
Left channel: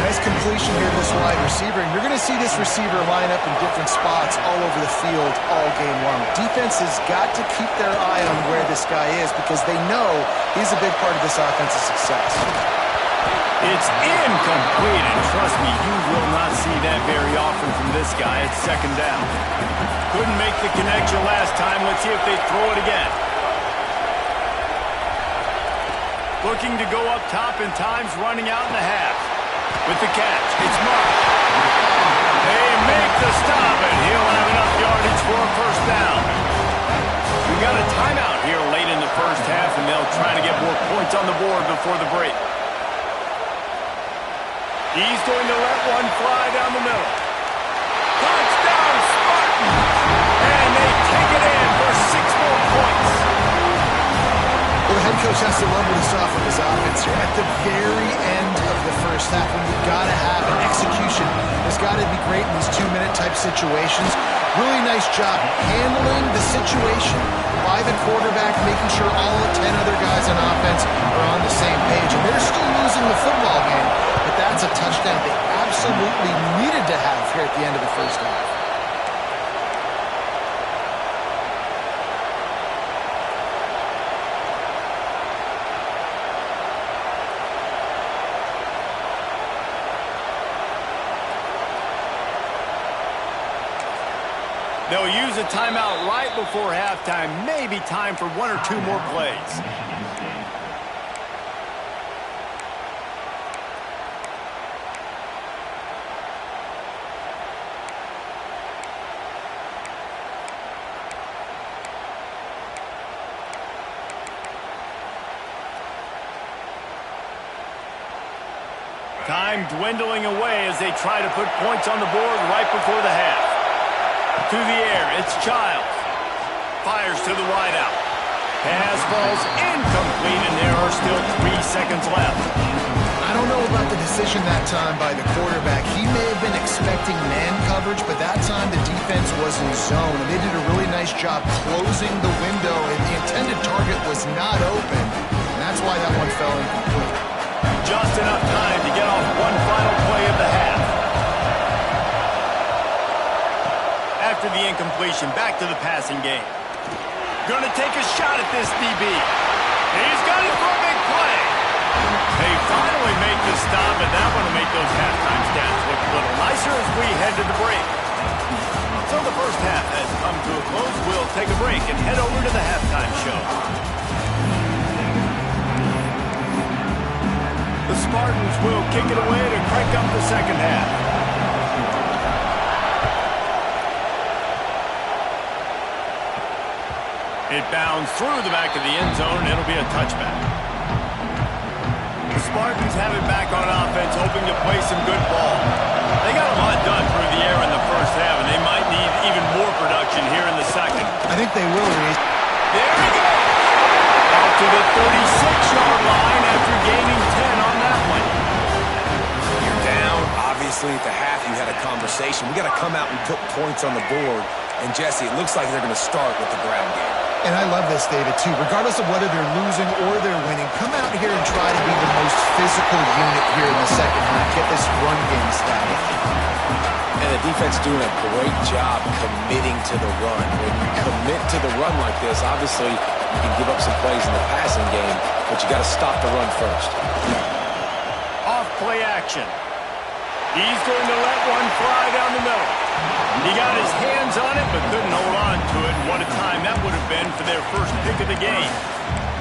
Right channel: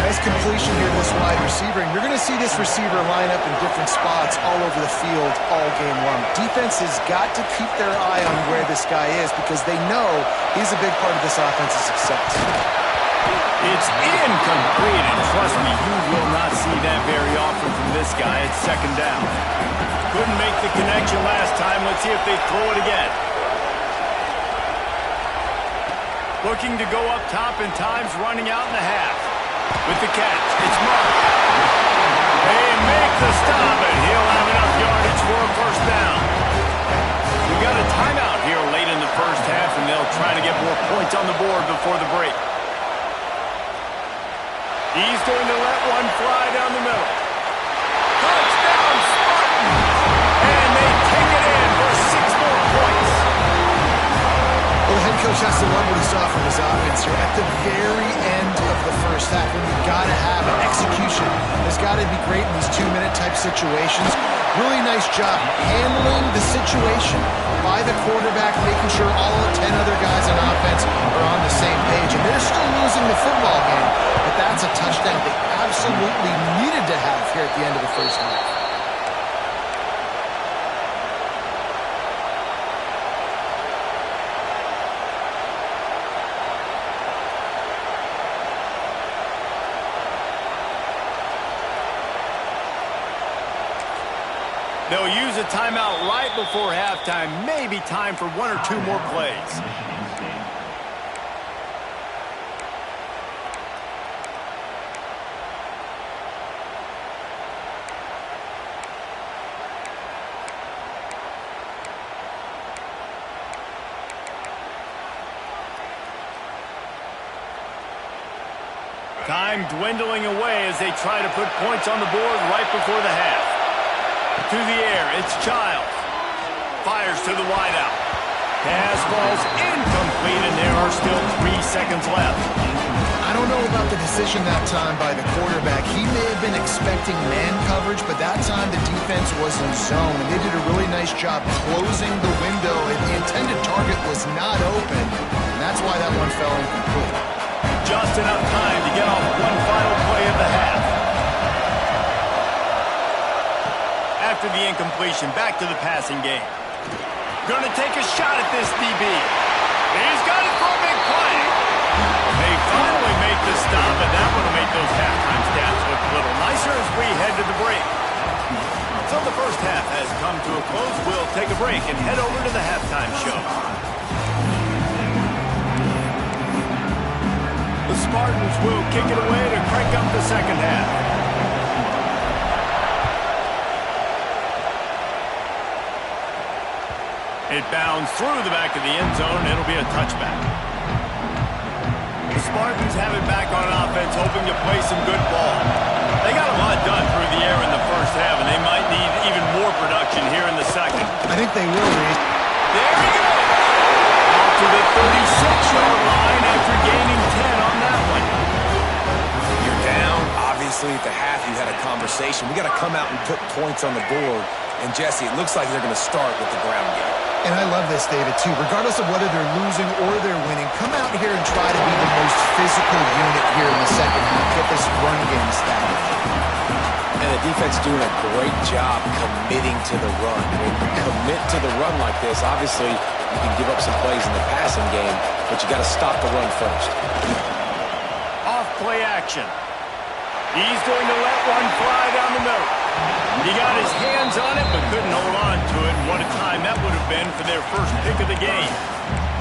Nice completion here to this wide receiver, and you're going to see this receiver line up in different spots all over the field all game long. Defense has got to keep their eye on where this guy is because they know he's a big part of this offense's success. It's incomplete, and trust me, you will not see that very often from this guy. It's second down. Couldn't make the connection last time. Let's see if they throw it again. Looking to go up top, and time's running out in the half. With the catch, it's Mark. They make the stop, and he'll have enough yardage for a first down. We got a timeout here late in the first half, and they'll try to get more points on the board before the break. He's going to let one fly down the middle. Touchdown, Spartans! And they take it in for 6 more points. Well, the head coach has to love what he saw from his offense here at the very end of the first half when you got to have an execution. It's got to be great in these 2-minute type situations. Really nice job handling the situation by the quarterback, making sure all 10 other guys on offense are on the same page. And they're still losing the football game, but that's a touchdown they absolutely needed to have here at the end of the first half. They'll use a timeout right before halftime. Maybe time for 1 or 2 more plays. Time dwindling away as they try to put points on the board right before the half. To the air, it's Childs. Fires to the wideout. Pass falls incomplete, and there are still 3 seconds left. I don't know about the decision that time by the quarterback. He may have been expecting man coverage, but that time the defense was in zone, and they did a really nice job closing the window, and the intended target was not open, and that's why that one fell incomplete. Just enough time to get off one final play of the half. After the incompletion, back to the passing game. Gonna take a shot at this DB. He's got it for a big play. They finally make the stop, and that one will make those halftime stats look a little nicer as we head to the break. So the first half has come to a close. We'll take a break and head over to the halftime show. The Spartans will kick it away to crank up the second half. It bounds through the back of the end zone, and it'll be a touchback. The Spartans have it back on offense, hoping to play some good ball. They got a lot done through the air in the first half, and they might need even more production here in the second. I think they will, Reed. There he goes! Out to the 36-yard line after gaining 10 on that one. You're down. Obviously, at the half, you had a conversation. We got to come out and put points on the board. And, Jesse, it looks like they're going to start with the ground game. And I love this, David, too. Regardless of whether they're losing or they're winning, come out here and try to be the most physical unit here in the second half. Get this run game established. And the defense doing a great job committing to the run. When you commit to the run like this, obviously you can give up some plays in the passing game, but you got to stop the run first. Off play action. He's going to let one fly down the middle. He got his hands on it, but couldn't hold on to it. And what a time that would have been for their first pick of the game.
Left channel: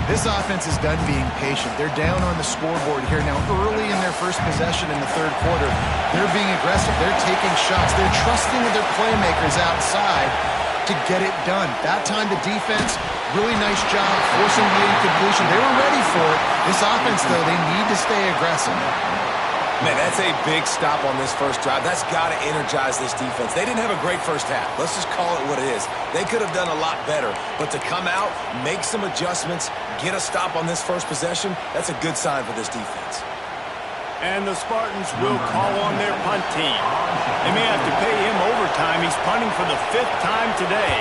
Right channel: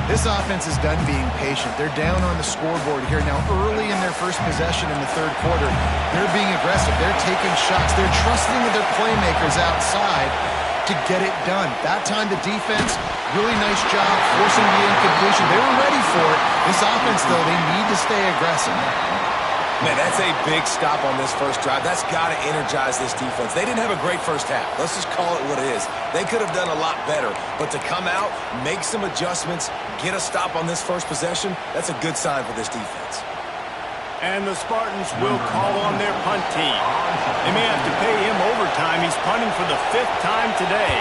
This offense is done being patient. They're down on the scoreboard here. Now, early in their first possession in the third quarter, they're being aggressive. They're taking shots. They're trusting their playmakers outside to get it done. That time, the defense, really nice job forcing the incompletion. They were ready for it. This offense, though, they need to stay aggressive. Man, that's a big stop on this first drive. That's got to energize this defense. They didn't have a great first half. Let's just call it what it is. They could have done a lot better. But to come out, make some adjustments, get a stop on this first possession, that's a good sign for this defense. And the Spartans will call on their punt team. They may have to pay him overtime. He's punting for the 5th time today.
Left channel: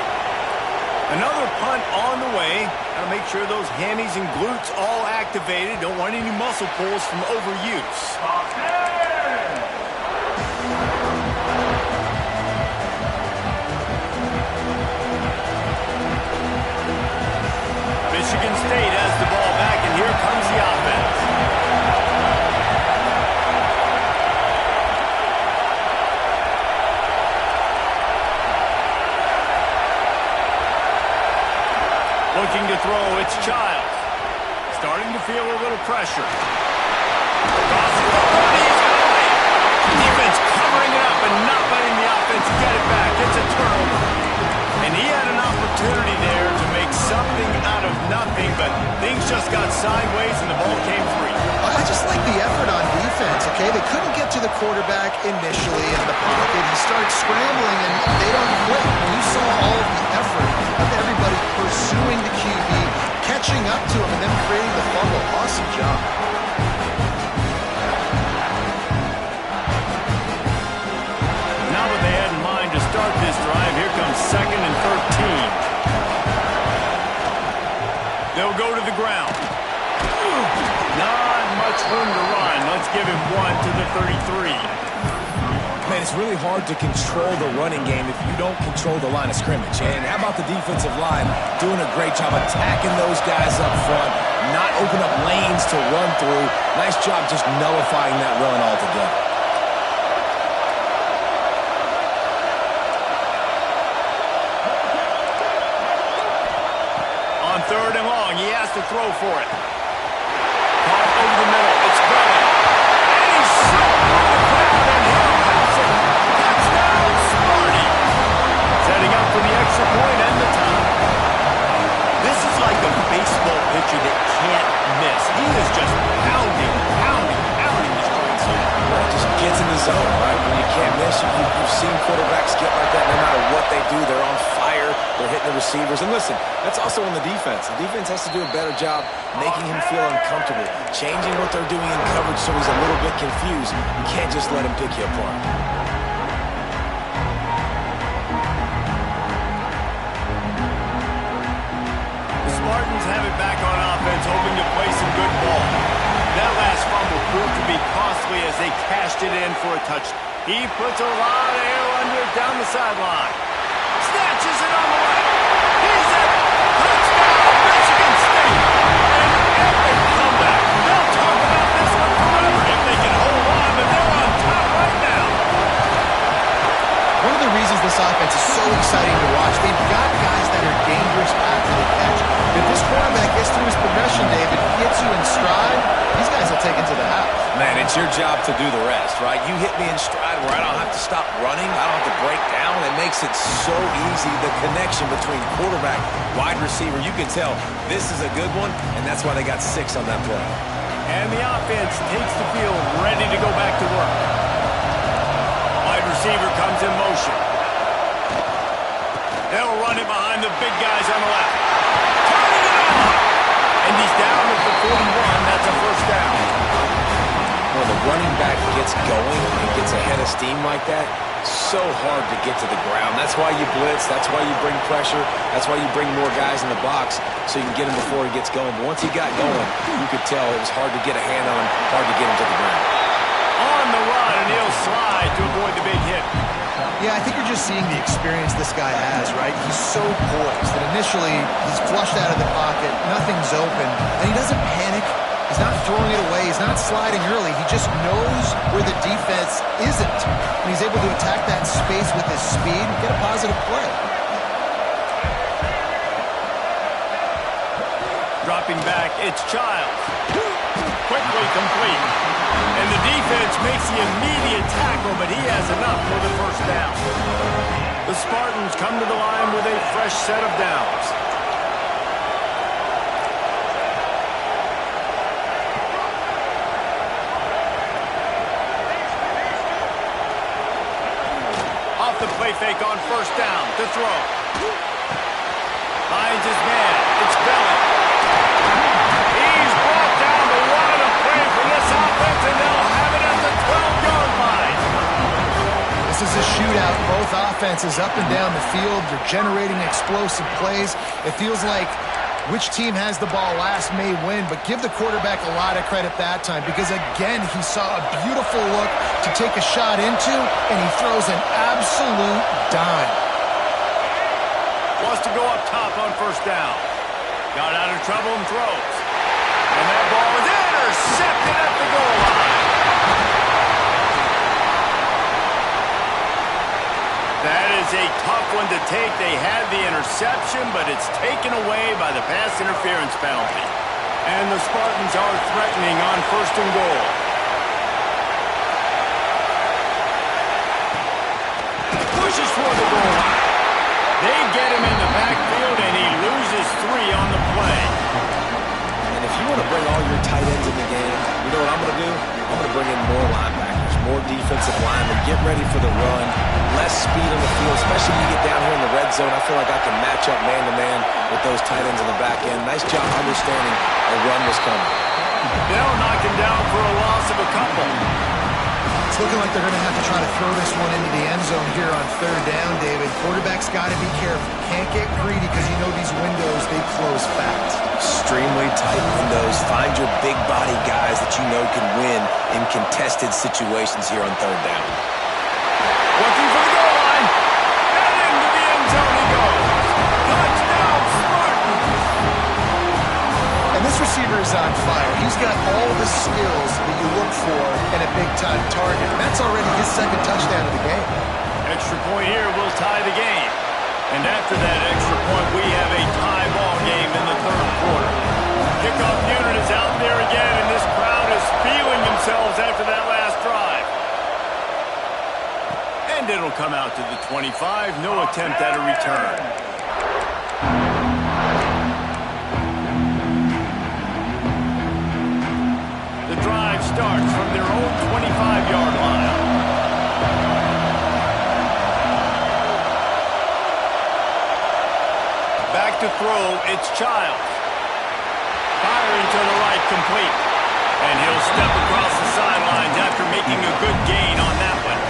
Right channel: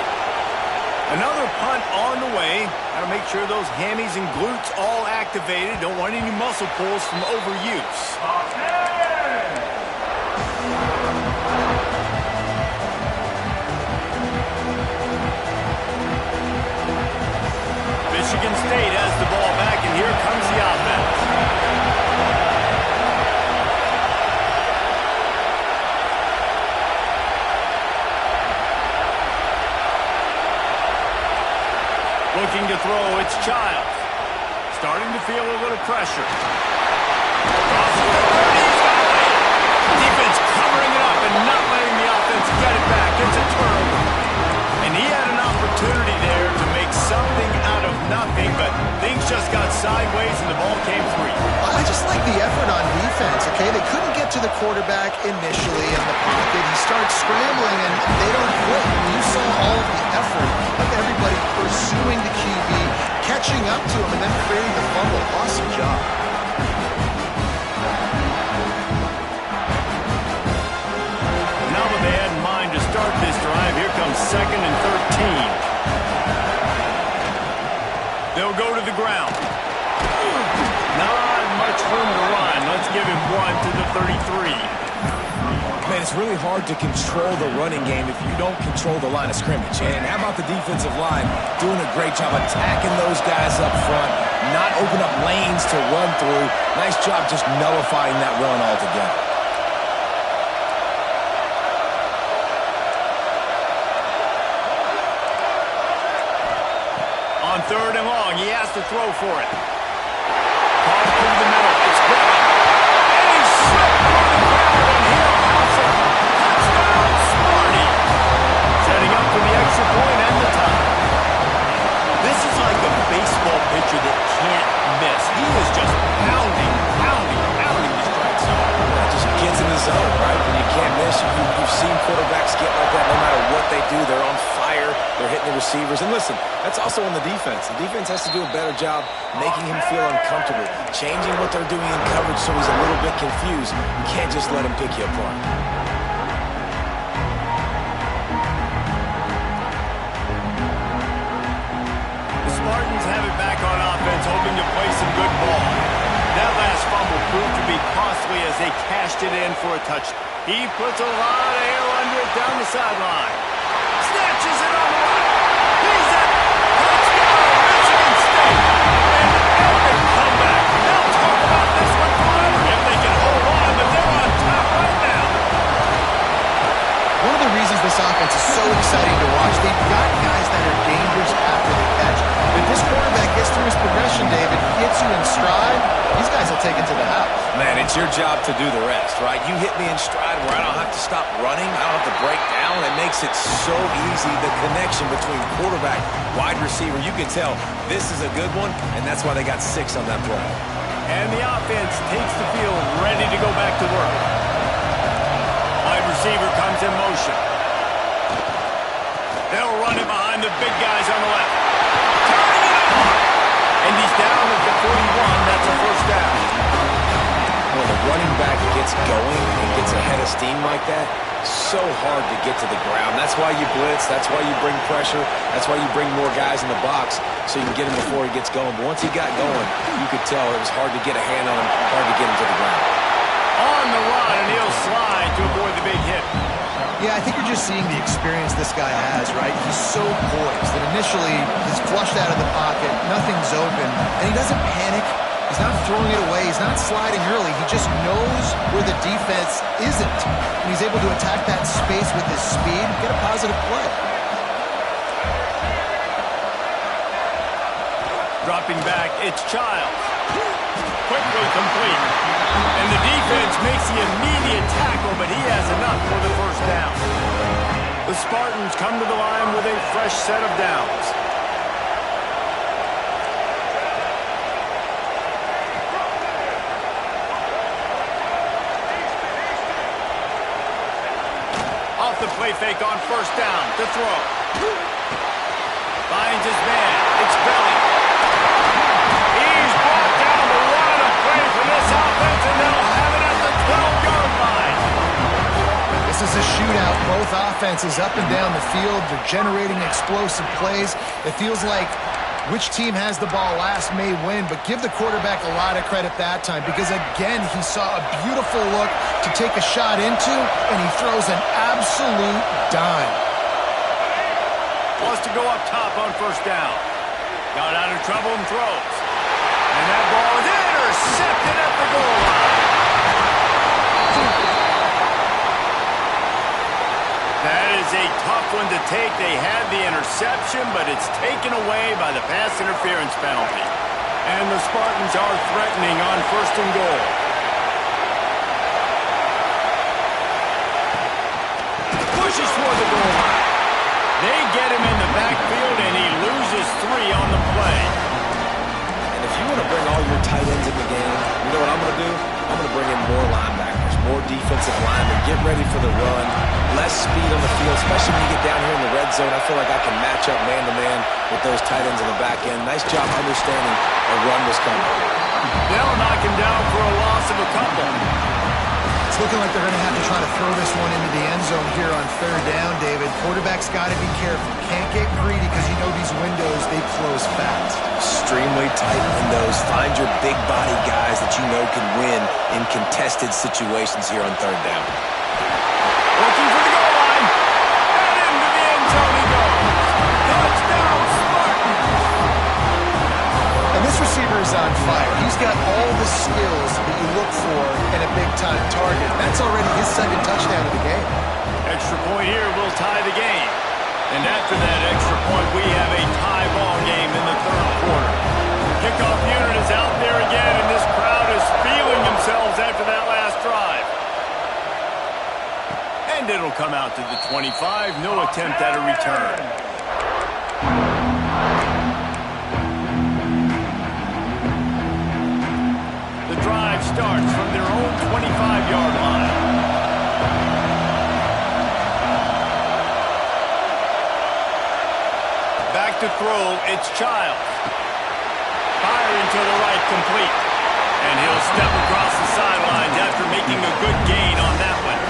Another punt on the way. Got to make sure those hammies and glutes all activated. Don't want any muscle pulls from overuse. Michigan State has the ball back, and here comes the offense. Looking to throw, it's Childs. Starting to feel a little pressure. Crosses the 30, he's got to lay it. Defense covering it up and not letting the offense get it back. It's a turnover. And he had an opportunity there to make something out of nothing, but things just got sideways and the ball came free. I just like the effort on defense, okay? They couldn't get to the quarterback initially in the pocket. He starts scrambling, and they don't quit. You saw all of the effort of everybody pursuing the QB, catching up to him, and then creating the fumble. Awesome job. Now what they had in mind to start this drive, here comes 2nd and 13. They'll go to the ground. Not much room to run. Let's give him 1 to the 33. Man, it's really hard to control the running game if you don't control the line of scrimmage. And how about the defensive line doing a great job attacking those guys up front, not open up lanes to run through. Nice job just nullifying that run altogether. On 3rd and long, he has to throw for it. Caught over the middle. It's Belling. And he slipped through the crowd, and he'll house it. Touchdown, Sparty. Setting up for the extra point and the tie. This is like a baseball pitcher that can't miss. He is just pounding the strike zone. Yeah, it just gets in the zone, right? When you can't miss, you've seen quarterbacks get like that no matter what they do. They're on fire. They're hitting the receivers. And listen, that's also on the defense. The defense has to do a better job making him feel uncomfortable, changing what they're doing in coverage so he's a little bit confused. You can't just let him pick you apart. The Spartans have it back on offense, hoping to play some good ball. That last fumble proved to be costly as they cashed it in for a touchdown. He puts a lot of air under it down the sideline. Snatches it on the right. He's at touchdown, Michigan State. An epic comeback. They'll talk about this one forever if they can hold on, but they're on top right now. One of the reasons this offense is so exciting to watch, they've got guys that are dangerous after the catch. If this quarterback gets through his progression, David, gets you in stride, these guys will take it to the house. Man, it's your job to do the rest, right? You hit me in stride where I don't have to stop running. I don't have to break down. It makes it so easy. The connection between quarterback, wide receiver, you can tell this is a good one, and that's why they got 6 on that play. And the offense takes the field, ready to go back to work. Wide receiver comes in motion. They'll run it behind the big guys on the left. Turning it on! And he's down at the 41. That's a first down. When the running back gets going and gets ahead of steam like that, so hard to get to the ground. That's why you blitz. That's why you bring pressure. That's why you bring more guys in the box so you can get him before he gets going. But once he got going, you could tell it was hard to get a hand on him, hard to get him to the ground. On the run, and he'll slide to avoid the big hit. Yeah, I think you're just seeing the experience this guy has, right? He's so poised that initially he's flushed out of the pocket, nothing's open, and he doesn't panic. He's not throwing it away. He's not sliding early. He just knows where the defense isn't. And he's able to attack that space with his speed and get a positive play. Dropping back, it's Childs. Quickly complete. And the defense makes the immediate tackle, but he has enough for the first down. The Spartans come to the line with a fresh set of downs. Off the play fake on first down to throw. Finds his man. It's Belly. He's brought down the one a play from this offense, and they'll have it at the 12-yard line. This is a shootout. Both offenses up and down the field. They're generating explosive plays. It feels like which team has the ball last may win, but give the quarterback a lot of credit that time because, again, he saw a beautiful look to take a shot into, and he throws an absolute dime. Wants to go up top on first down. Got out of trouble and throws. And that ball is intercepted at the goal line. That is a tough one to take. They had the interception, but it's taken away by the pass interference penalty. And the Spartans are threatening on first and goal. Pushes toward the goal line. They get him in the backfield, and he loses 3 on the play. And if you want to bring all your tight ends in the game, you know what I'm going to do? I'm going to bring in more linebackers, more defensive linemen, get ready for the run, less speed on the field, especially when you get down here in the red zone. I feel like I can match up man-to-man with those tight ends in the back end. Nice job understanding a run was coming. They'll knock him down for a loss of a couple. It's looking like they're going to have to try to throw this one into the end zone here on third down, David. Quarterback's got to be careful. Can't get greedy because you know these windows, they close fast. Extremely tight windows. Find your big body guys that you know can win in contested situations here on third down. Looking for the goal line. And into the end zone he goes. Touchdown, Spartans. And this receiver is on fire. He's got all the skills that you look for in a big-time target. And that's already his second touchdown of the game. Extra point here will tie the game. And after that extra point, we have a tie ball game in the third quarter. Kickoff unit is out there again, and this crowd is feeling themselves after that last drive. And it'll come out to the 25. No attempt at a return. The drive starts from their own 25-yard line. Back to throw, it's Childs. Firing to the right, complete. And he'll step across the sidelines after making a good gain on that one.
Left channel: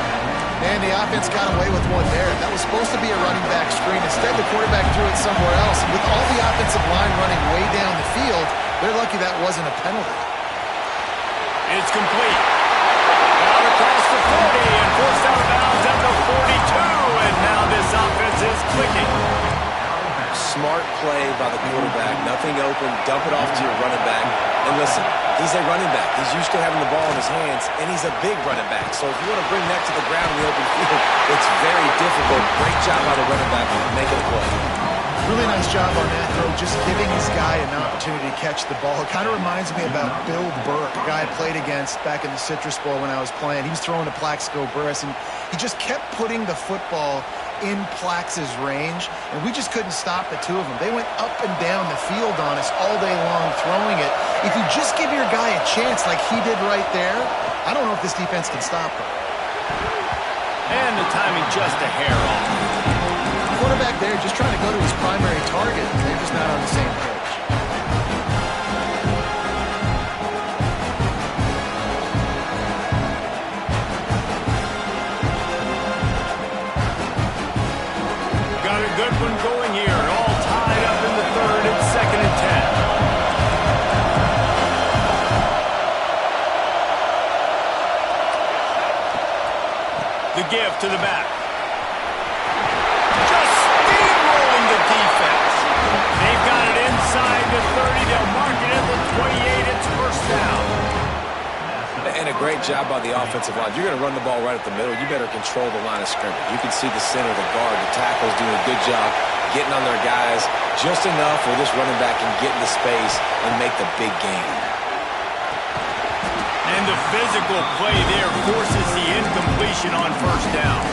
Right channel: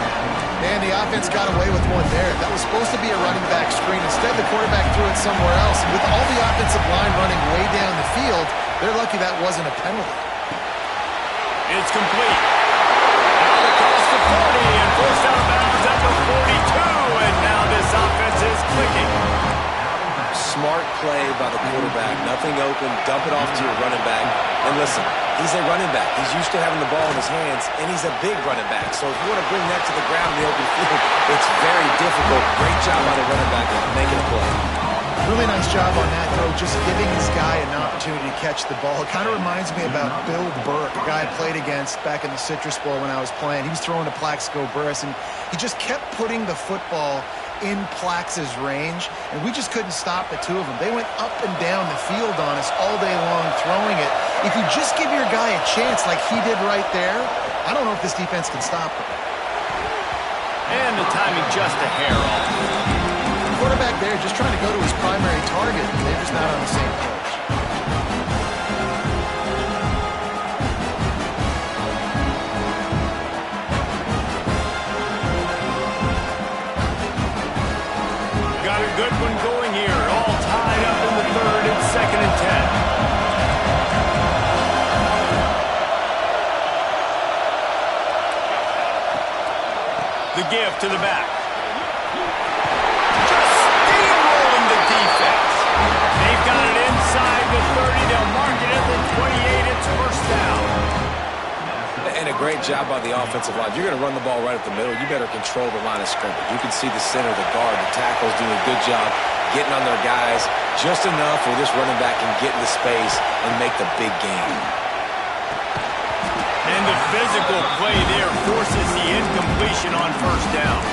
Man, the offense got away with one there. That was supposed to be a running back screen. Instead, the quarterback threw it somewhere else. And with all the offensive line running way down the field, they're lucky that wasn't a penalty. It's complete. Out across the 40 and forced out of bounds at the 42. And now this offense is clicking. Smart play by the quarterback. Nothing open. Dump it off to your running back. And listen, he's a running back. He's used to having the ball in his hands, and he's a big running back. So if you want to bring that to the ground in the open field, it's very difficult. Great job by the running back making a play. Really nice job on that throw, just giving his guy an opportunity to catch the ball. It kind of reminds me about Bill Burke, a guy I played against back in the Citrus Bowl when I was playing. He was throwing to Plaxico Burress, and he just kept putting the football in Plax's range, and we just couldn't stop the two of them. They went up and down the field on us all day long throwing it. If you just give your guy a chance like he did right there, I don't know if this defense can stop him. And the timing just a hair off. Quarterback there just trying to go to his primary target. They're just not on the same page. Got a good one going here. All tied up in the third. It's 2nd and 10. The give to the back. Just steamrolling the defense. They've got it inside to 30. They'll mark it at the 28. It's first down. And a great job by the offensive line. You're going to run the ball right at the middle. You better control the line of scrimmage. You can see the center, the guard, the tackles doing a good job getting on their guys just enough where this running back can get into space and make the big game. And the physical play there forces the incompletion on first down.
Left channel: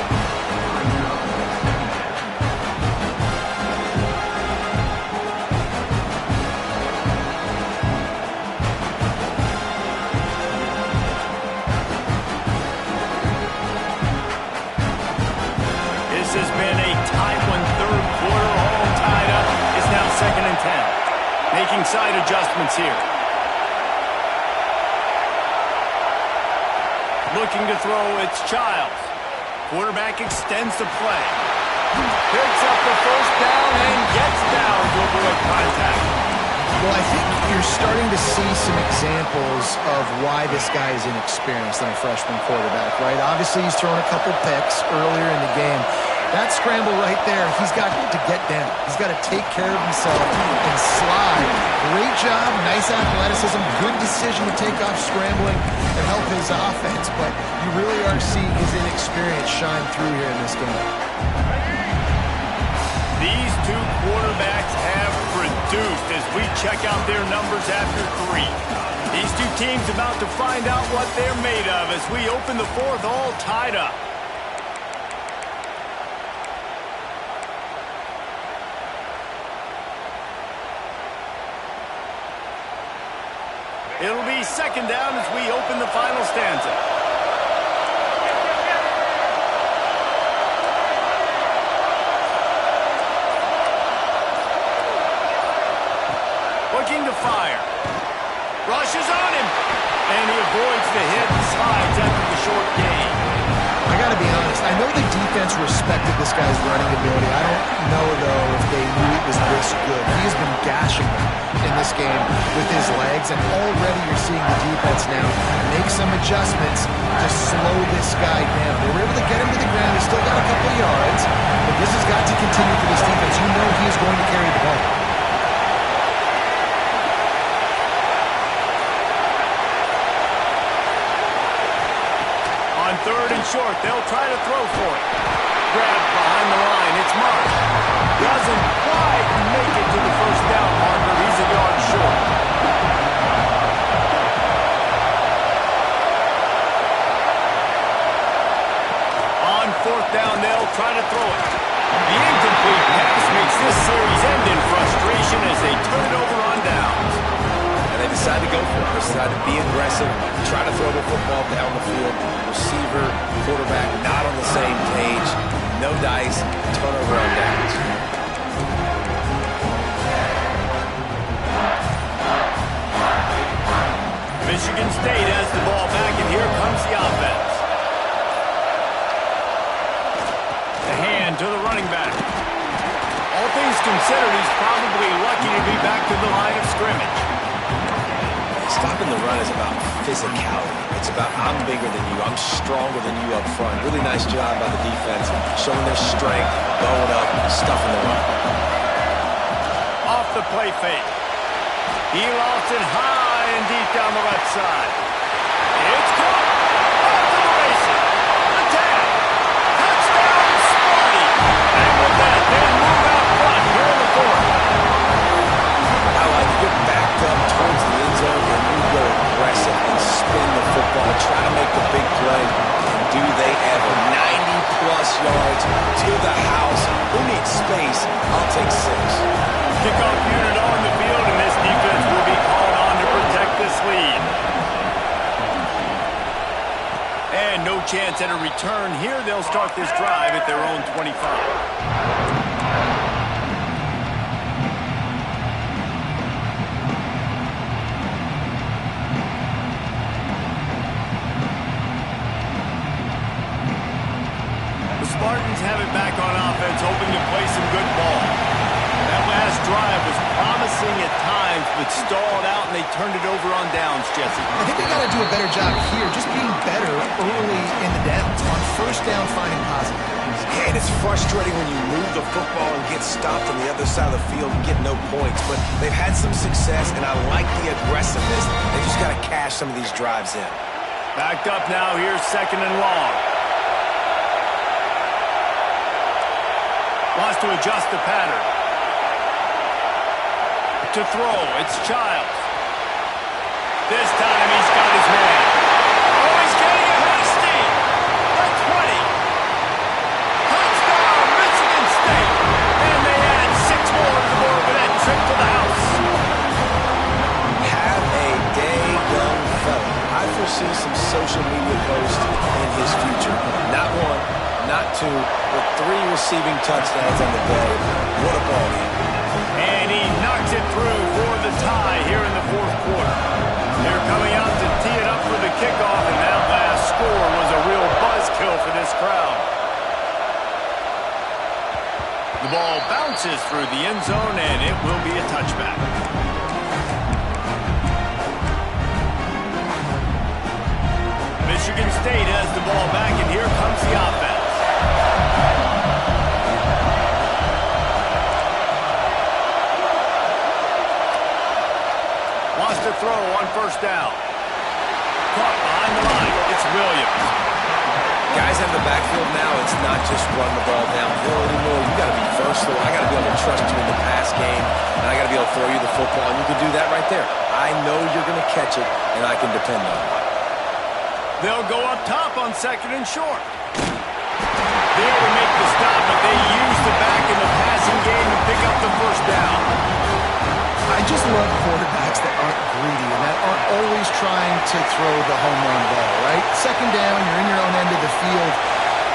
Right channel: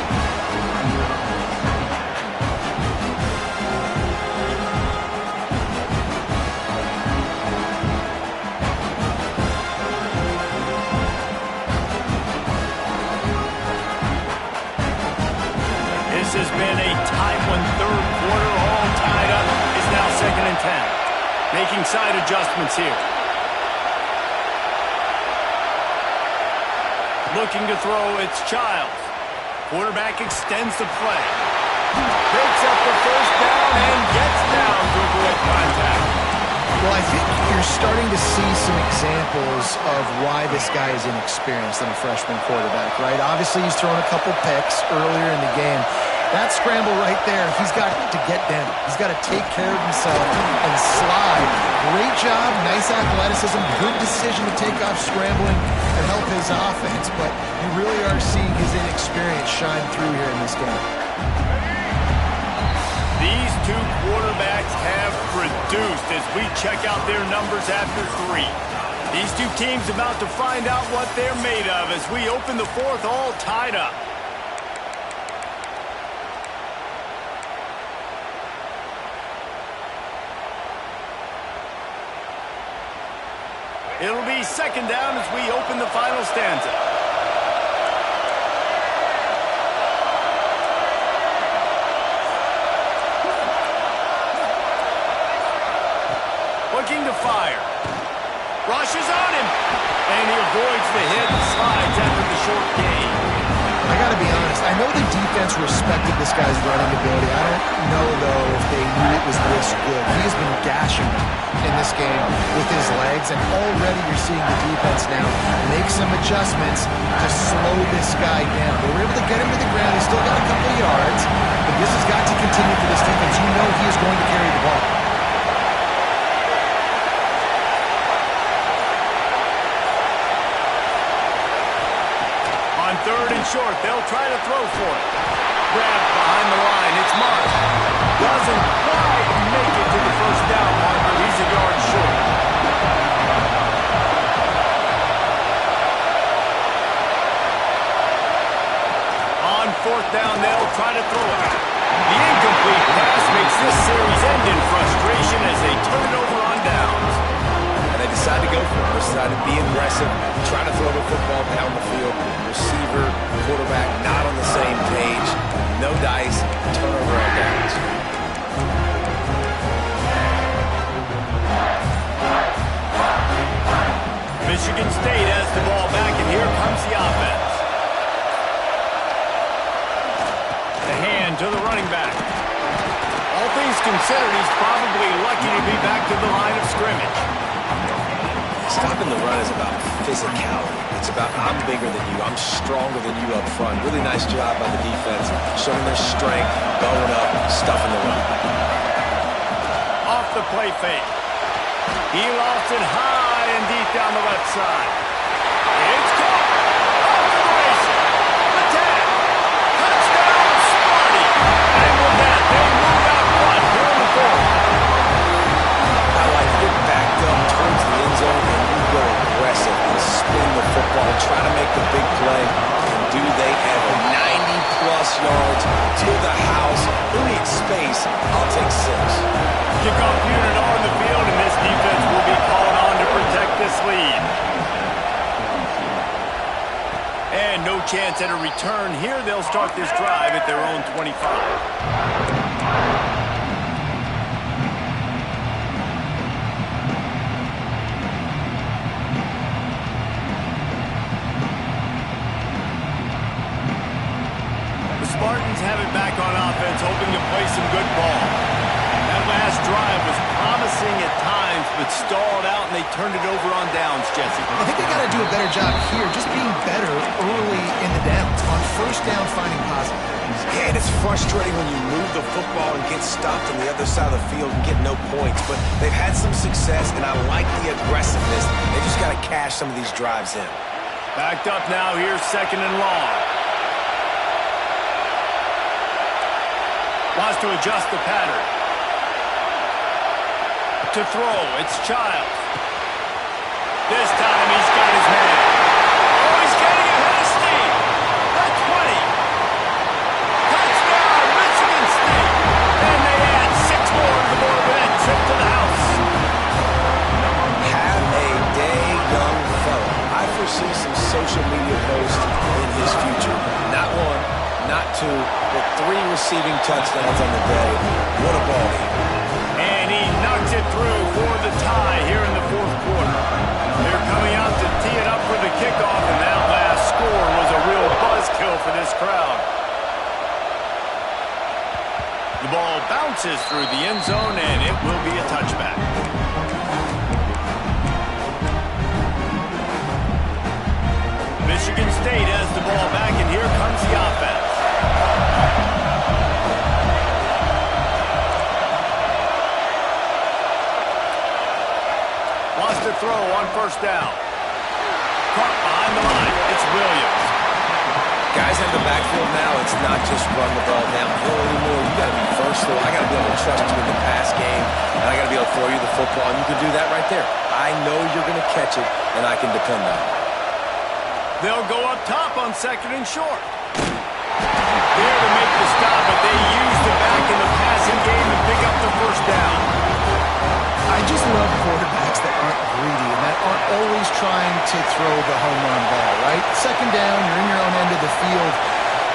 This has been a tight one, third quarter, all tied up. It's now 2nd and 10. Making side adjustments here. Looking to throw, it's Childs. Quarterback extends the play. Picks up the first down and gets down to avoid contact. Well, I think you're starting to see some examples of why this guy is inexperienced in a freshman quarterback, right? Obviously, he's thrown a couple picks earlier in the game. That scramble right there, he's got to get down. He's got to take care of himself and slide. Great job, nice athleticism, good decision to take off scrambling and help his offense, but you really are seeing his inexperience shine through here in this game. These two quarterbacks have produced as we check out their numbers after 3. These two teams about to find out what they're made of as we open the fourth, all tied up. It'll be 2nd down as we open the final stanza. Looking to fire. Rushes on him. And he avoids the hit and slides after the short gain. I got to be honest. I know the defense respected this guy's running ability. I don't know, though, if they knew it was this good. He has been gashing them in this game with his legs, and already you're seeing the defense now make some adjustments to slow this guy down. They were able to get him to the ground. He's still got a couple yards, but this has got to continue for this defense. You know he is going to carry the ball. On 3rd and short, they'll try to throw for it. Grabbed behind the line, it's Marsh. Doesn't quite make it to the first down marker. He's a yard short. On 4th down, they'll try to throw it. The incomplete pass makes this series end in frustration as they turn it over on downs. And they decide to go for it. They decide to be aggressive, try to throw the football down the field. Receiver, quarterback, not on the same page. No dice, turnover on downs. Michigan State has the ball back, and here comes the offense. The hand to the running back. All things considered, he's probably lucky to be back to the line of scrimmage. Stopping the run is about physicality. It's about I'm bigger than you. I'm stronger than you up front. Really nice job by the defense, showing their strength, going up, stuffing the run. Off the play fake. He lost it high and deep down the left side. It's caught. Off to the races. The tag. Touchdown, Sparty. And with that, they move out front here in the 4th. I like to get backed up towards the end zone and you go aggressive and spin the football, try to make the big play, and do they ever. 90-plus yards to the house. Who needs space? I'll take 6. Kickoff unit on the field, and this defense will be called on to protect this lead. And no chance at a return here. They'll start this drive at their own 25. Spartans have it back on offense, hoping to play some good ball. That last drive was promising at times, but stalled out, and they turned it over on downs, Jesse. I think they got to do a better job here, just being better early in the downs. On first down, finding positive. Yeah, and it's frustrating when you move the football and get stopped on the other side of the field and get no points. But they've had some success, and I like the aggressiveness. They just got to cash some of these drives in. Backed up now. Here's 2nd and long. Wants to adjust the pattern. To throw, it's Childs. This time he's got his man. Oh, he's getting ahead of steam. The 20. Touchdown, Michigan State. And they add 6 more to the board with that trip to the house. Have a day, young fella. I foresee some social media posts in his future. Not 1, not 2, but 3 receiving touchdowns on the day. What a ball game. And he knocks it through for the tie here in the 4th quarter. They're coming out to tee it up for the kickoff, and that last score was a real buzzkill for this crowd. The ball bounces through the end zone, and it will be a touchback. Michigan State has the ball back, and here comes the offense. Wants to throw on first down. Caught behind the line. It's Williams. Guys in the backfield now, it's not just run the ball downhill anymore. You got to be versatile. I got to be able to trust you in the pass game, and I got to be able to throw you the football, and you can do that right there. I know you're going to catch it, and I can depend on it. They'll go up top on 2nd and short. There to make the stop, but they use the back in the passing game to pick up the first down. I just love quarterbacks that aren't greedy and that aren't always trying to throw the home run ball, right? 2nd down, you're in your own end of the field.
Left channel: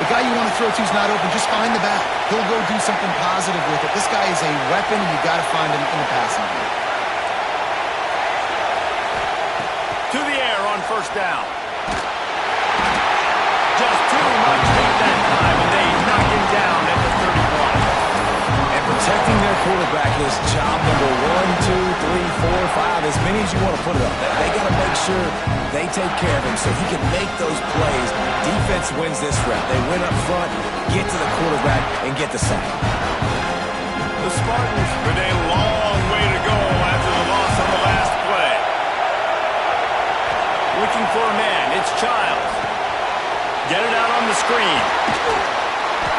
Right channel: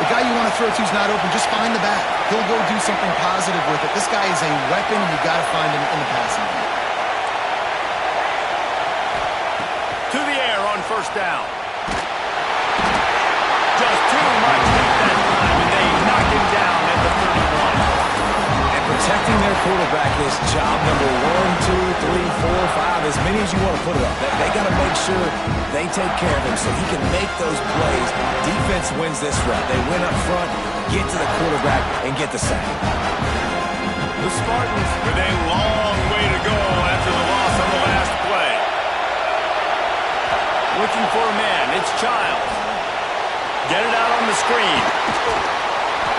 The guy you want to throw to is not open. Just find the back. He'll go do something positive with it. This guy is a weapon, and you've got to find him in the passing game. To the air on first down. Just too much heat that time, and they knock him down at the 31. And protecting their quarterback is job number 1, 2, 3, 4, 5, as many as you want to put it up. They got to make sure they take care of him so he can make those plays. Defense wins this route. They win up front, get to the quarterback, and get the sack. The Spartans with a long way to go after the loss on the last play. Looking for a man. It's Childs. Get it out on the screen.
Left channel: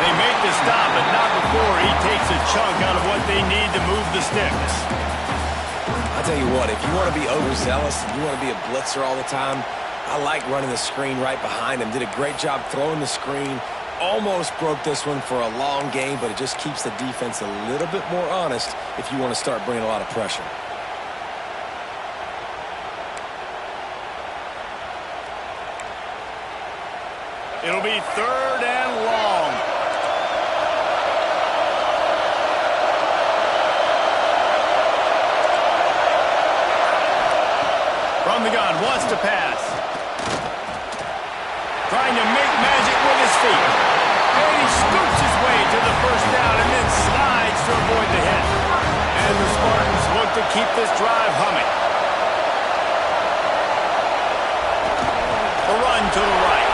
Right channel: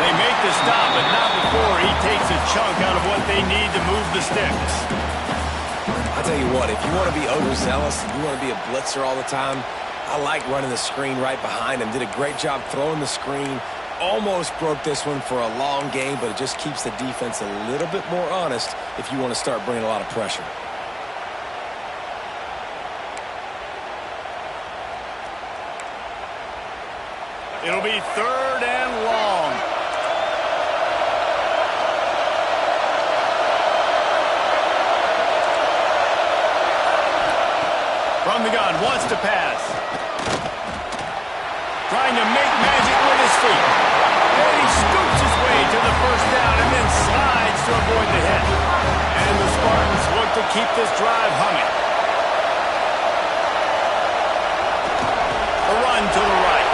They make the stop, but not before he takes a chunk out of what they need to move the sticks. I'll tell you what, if you want to be overzealous and you want to be a blitzer all the time, I like running the screen right behind him. Did a great job throwing the screen. Almost broke this one for a long game, but it just keeps the defense a little bit more honest if you want to start bringing a lot of pressure. It'll be 3rd and long. From the gun, wants to pass. Trying to make magic with his feet. And he scoops his way to the first down and then slides to avoid the hit. And the Spartans look to keep this drive humming. A run to the right.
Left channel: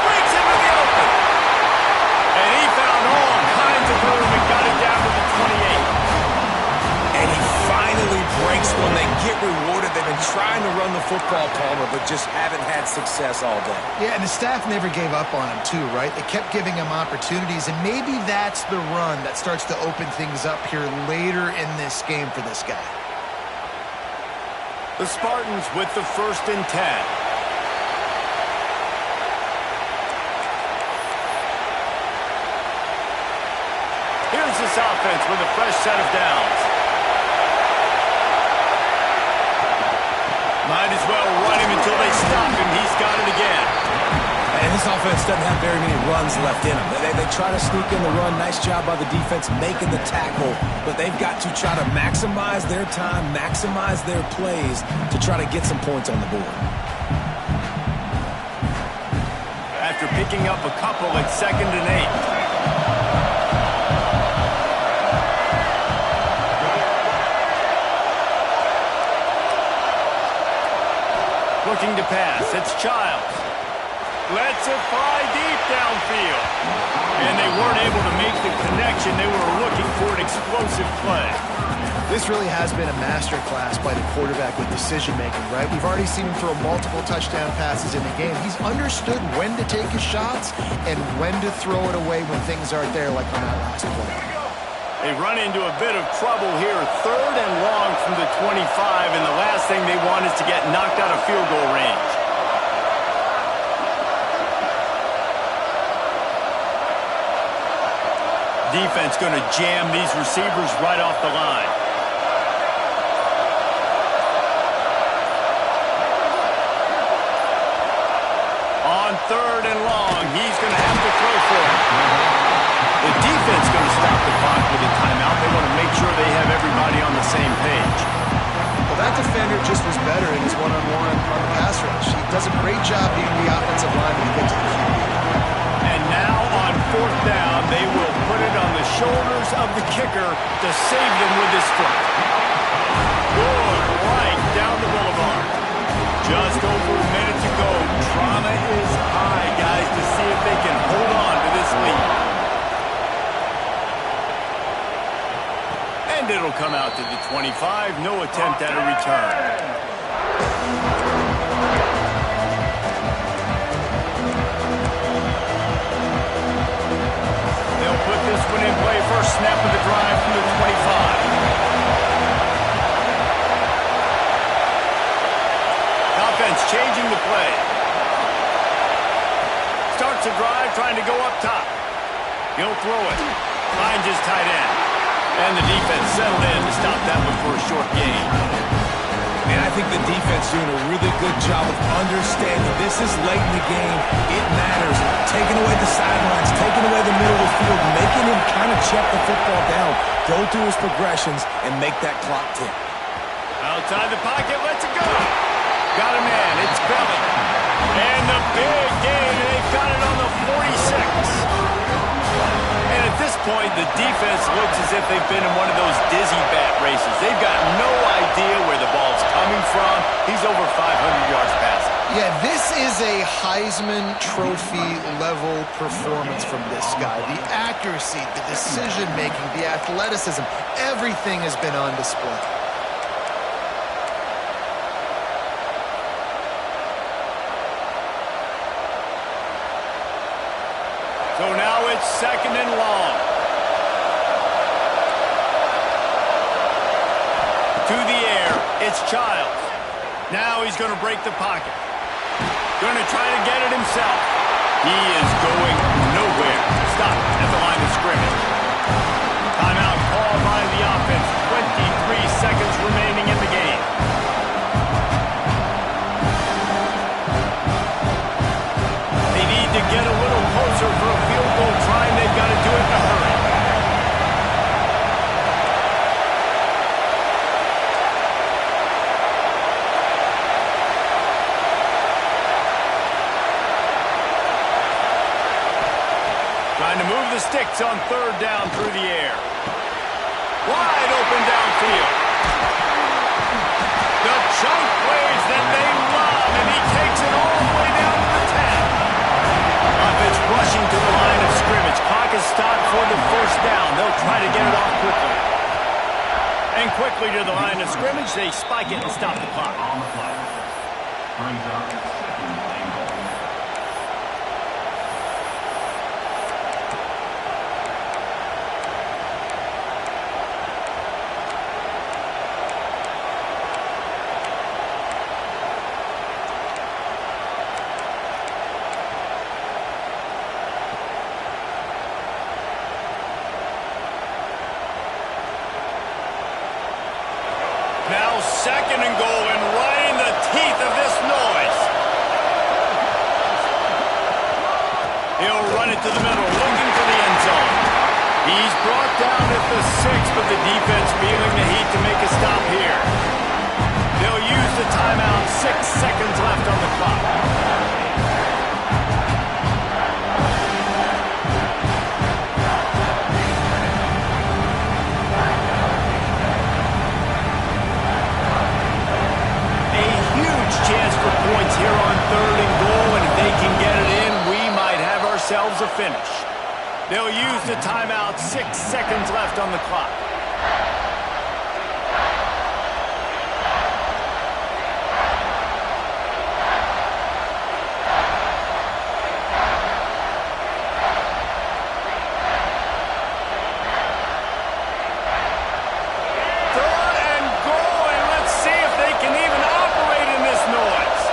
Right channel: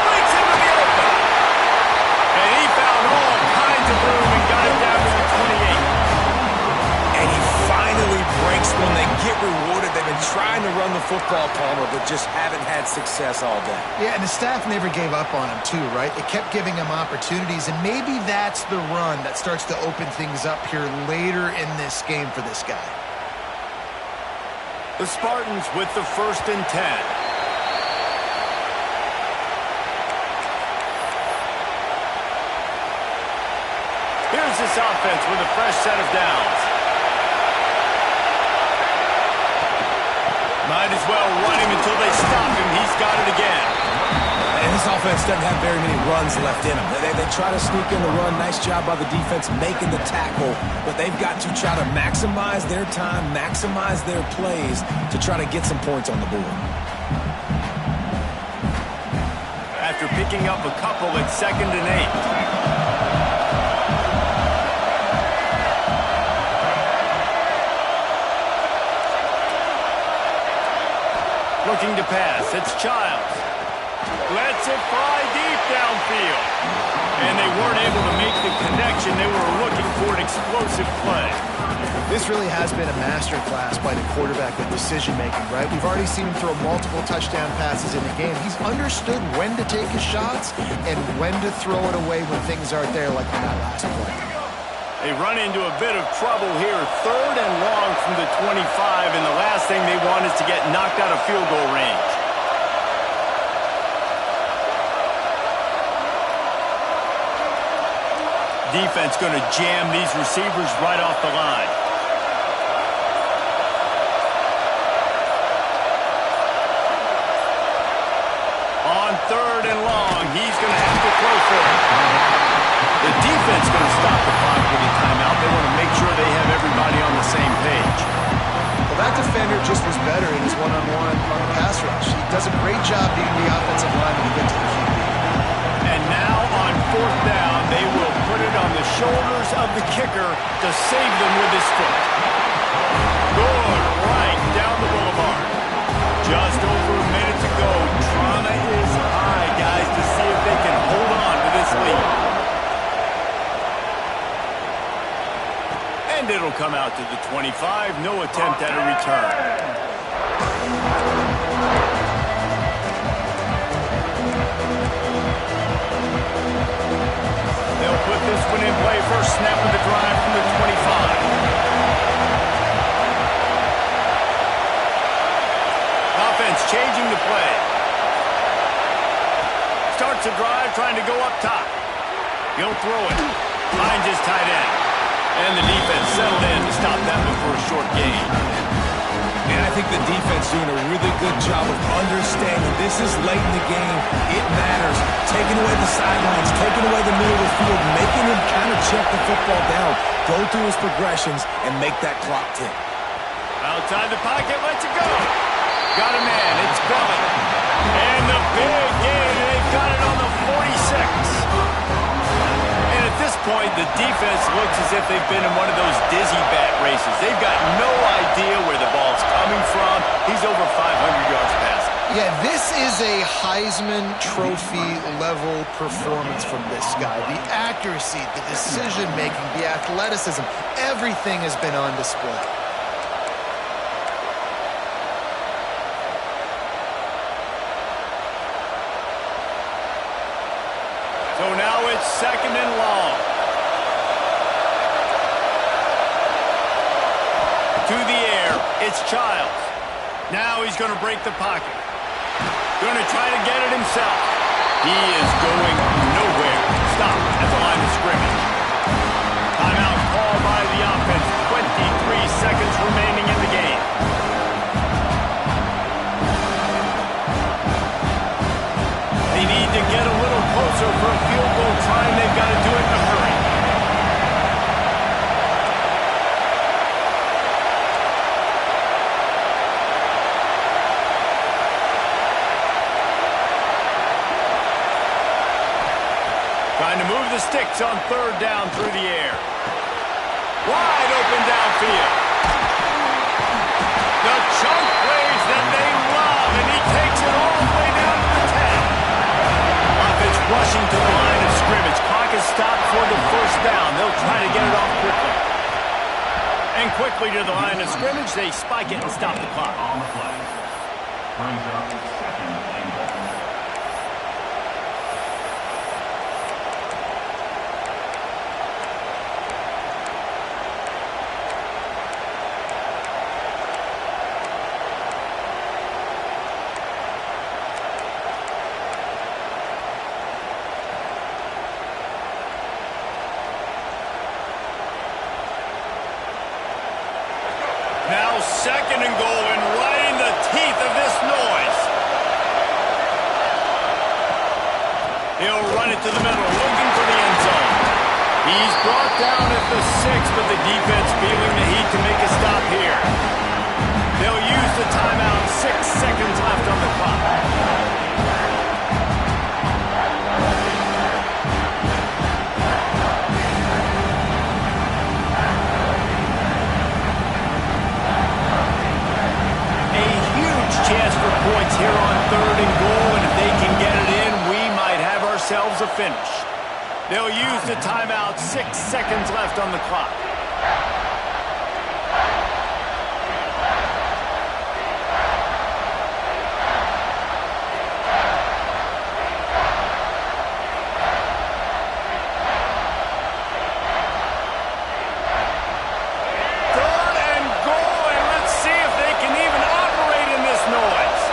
Breaks into the open. And he found all kinds of room and got it down to the 28. And he finally breaks when they get rewarded. They've been trying to run the football, Palmer, but just haven't had success all day. Yeah, and the staff never gave up on him, too, right? They kept giving him opportunities, and maybe that's the run that starts to open things up here later in this game for this guy. The Spartans with the 1st and 10. Here's this offense with a fresh set of downs. Might as well run him until they stop him. He's got it again. And this offense doesn't have very many runs left in them. They try to sneak in the run. Nice job by the defense making the tackle. But they've got to try to maximize their time, maximize their plays to try to get some points on the board. After picking up a couple at 2nd and 8. Looking to pass. It's Childs. Lets it fly deep downfield. And they weren't able to make the connection. They were looking for an explosive play. This really has been a masterclass by the quarterback with decision-making, right? We've already seen him throw multiple touchdown passes in the game. He's understood when to take his shots and when to throw it away when things aren't there, like on that last play. They run into a bit of trouble here. 3rd and long from the 25, and the last thing they want is to get knocked out of field goal range. Defense going to jam these receivers right off the line. On 3rd and long, he's going to have to throw for it. The defense going to stop the clock with a timeout. They want to make sure they have everybody on the same page. Well, that defender just was better in his one-on-one on the pass rush. He does a great job being the offensive lineman to get to the QB. And now on 4th down, they will put it on the shoulders of the kicker to save them with his foot. Good, right down the boulevard. Just over a minute to go. Trauma is high, guys, to see if they can hold on to this lead. And it'll come out to the 25. No attempt at a return. They'll put this one in play. First snap of the drive from the 25. Offense changing the play. Starts a drive trying to go up top. He'll throw it. Finds his tight end. And the defense settled in to stop that one for a short gain. And I think the defense doing a really good job of understanding this is late in the game. It matters. Taking away the sidelines, taking away the middle of the field, making him kind of check the football down, go through his progressions, and make that clock tick. Outside the pocket, lets it go. Got a man, it's Belly. And the big gain, and they've got it on the 46. And at this point, the defense looks as if they've been in one of those dizzy bat races. They've got no idea where the ball's coming from. He's over 500 yards passing. Yeah, this is a Heisman Trophy level performance from this guy. The accuracy, the decision-making, the athleticism, everything has been on display. So now it's 2nd and long. To the air, it's Childs. Now he's going to break the pocket. Going to try to get it himself. He is going nowhere. Stop at the line of scrimmage. Timeout called by the offense. 23 seconds remaining in the game. They need to get a little closer for a field goal try, and they've got to do it in a hurry. Trying to move the sticks on 3rd down through the air. Wide open downfield. The chunk plays that they love, and he takes it all the way down to the 10. Offense rushing to the line of scrimmage. Clock is stopped for the 1st down. They'll try to get it off quickly. And quickly to the line of scrimmage, they spike it and stop the clock. On the play. Brings up 2nd and goal. Now 2nd and goal, and right in the teeth of this noise. He'll run it to the middle, looking for the end zone. He's brought down at the 6, but the defense feeling the heat to make a stop here. They'll use the timeout. 6 seconds left on the clock. Chance for points here on 3rd and goal, and if they can get it in, themselves a finish. They'll use the timeout, 6 seconds left on the clock. Third and goal, and let's see if they can even operate in this noise.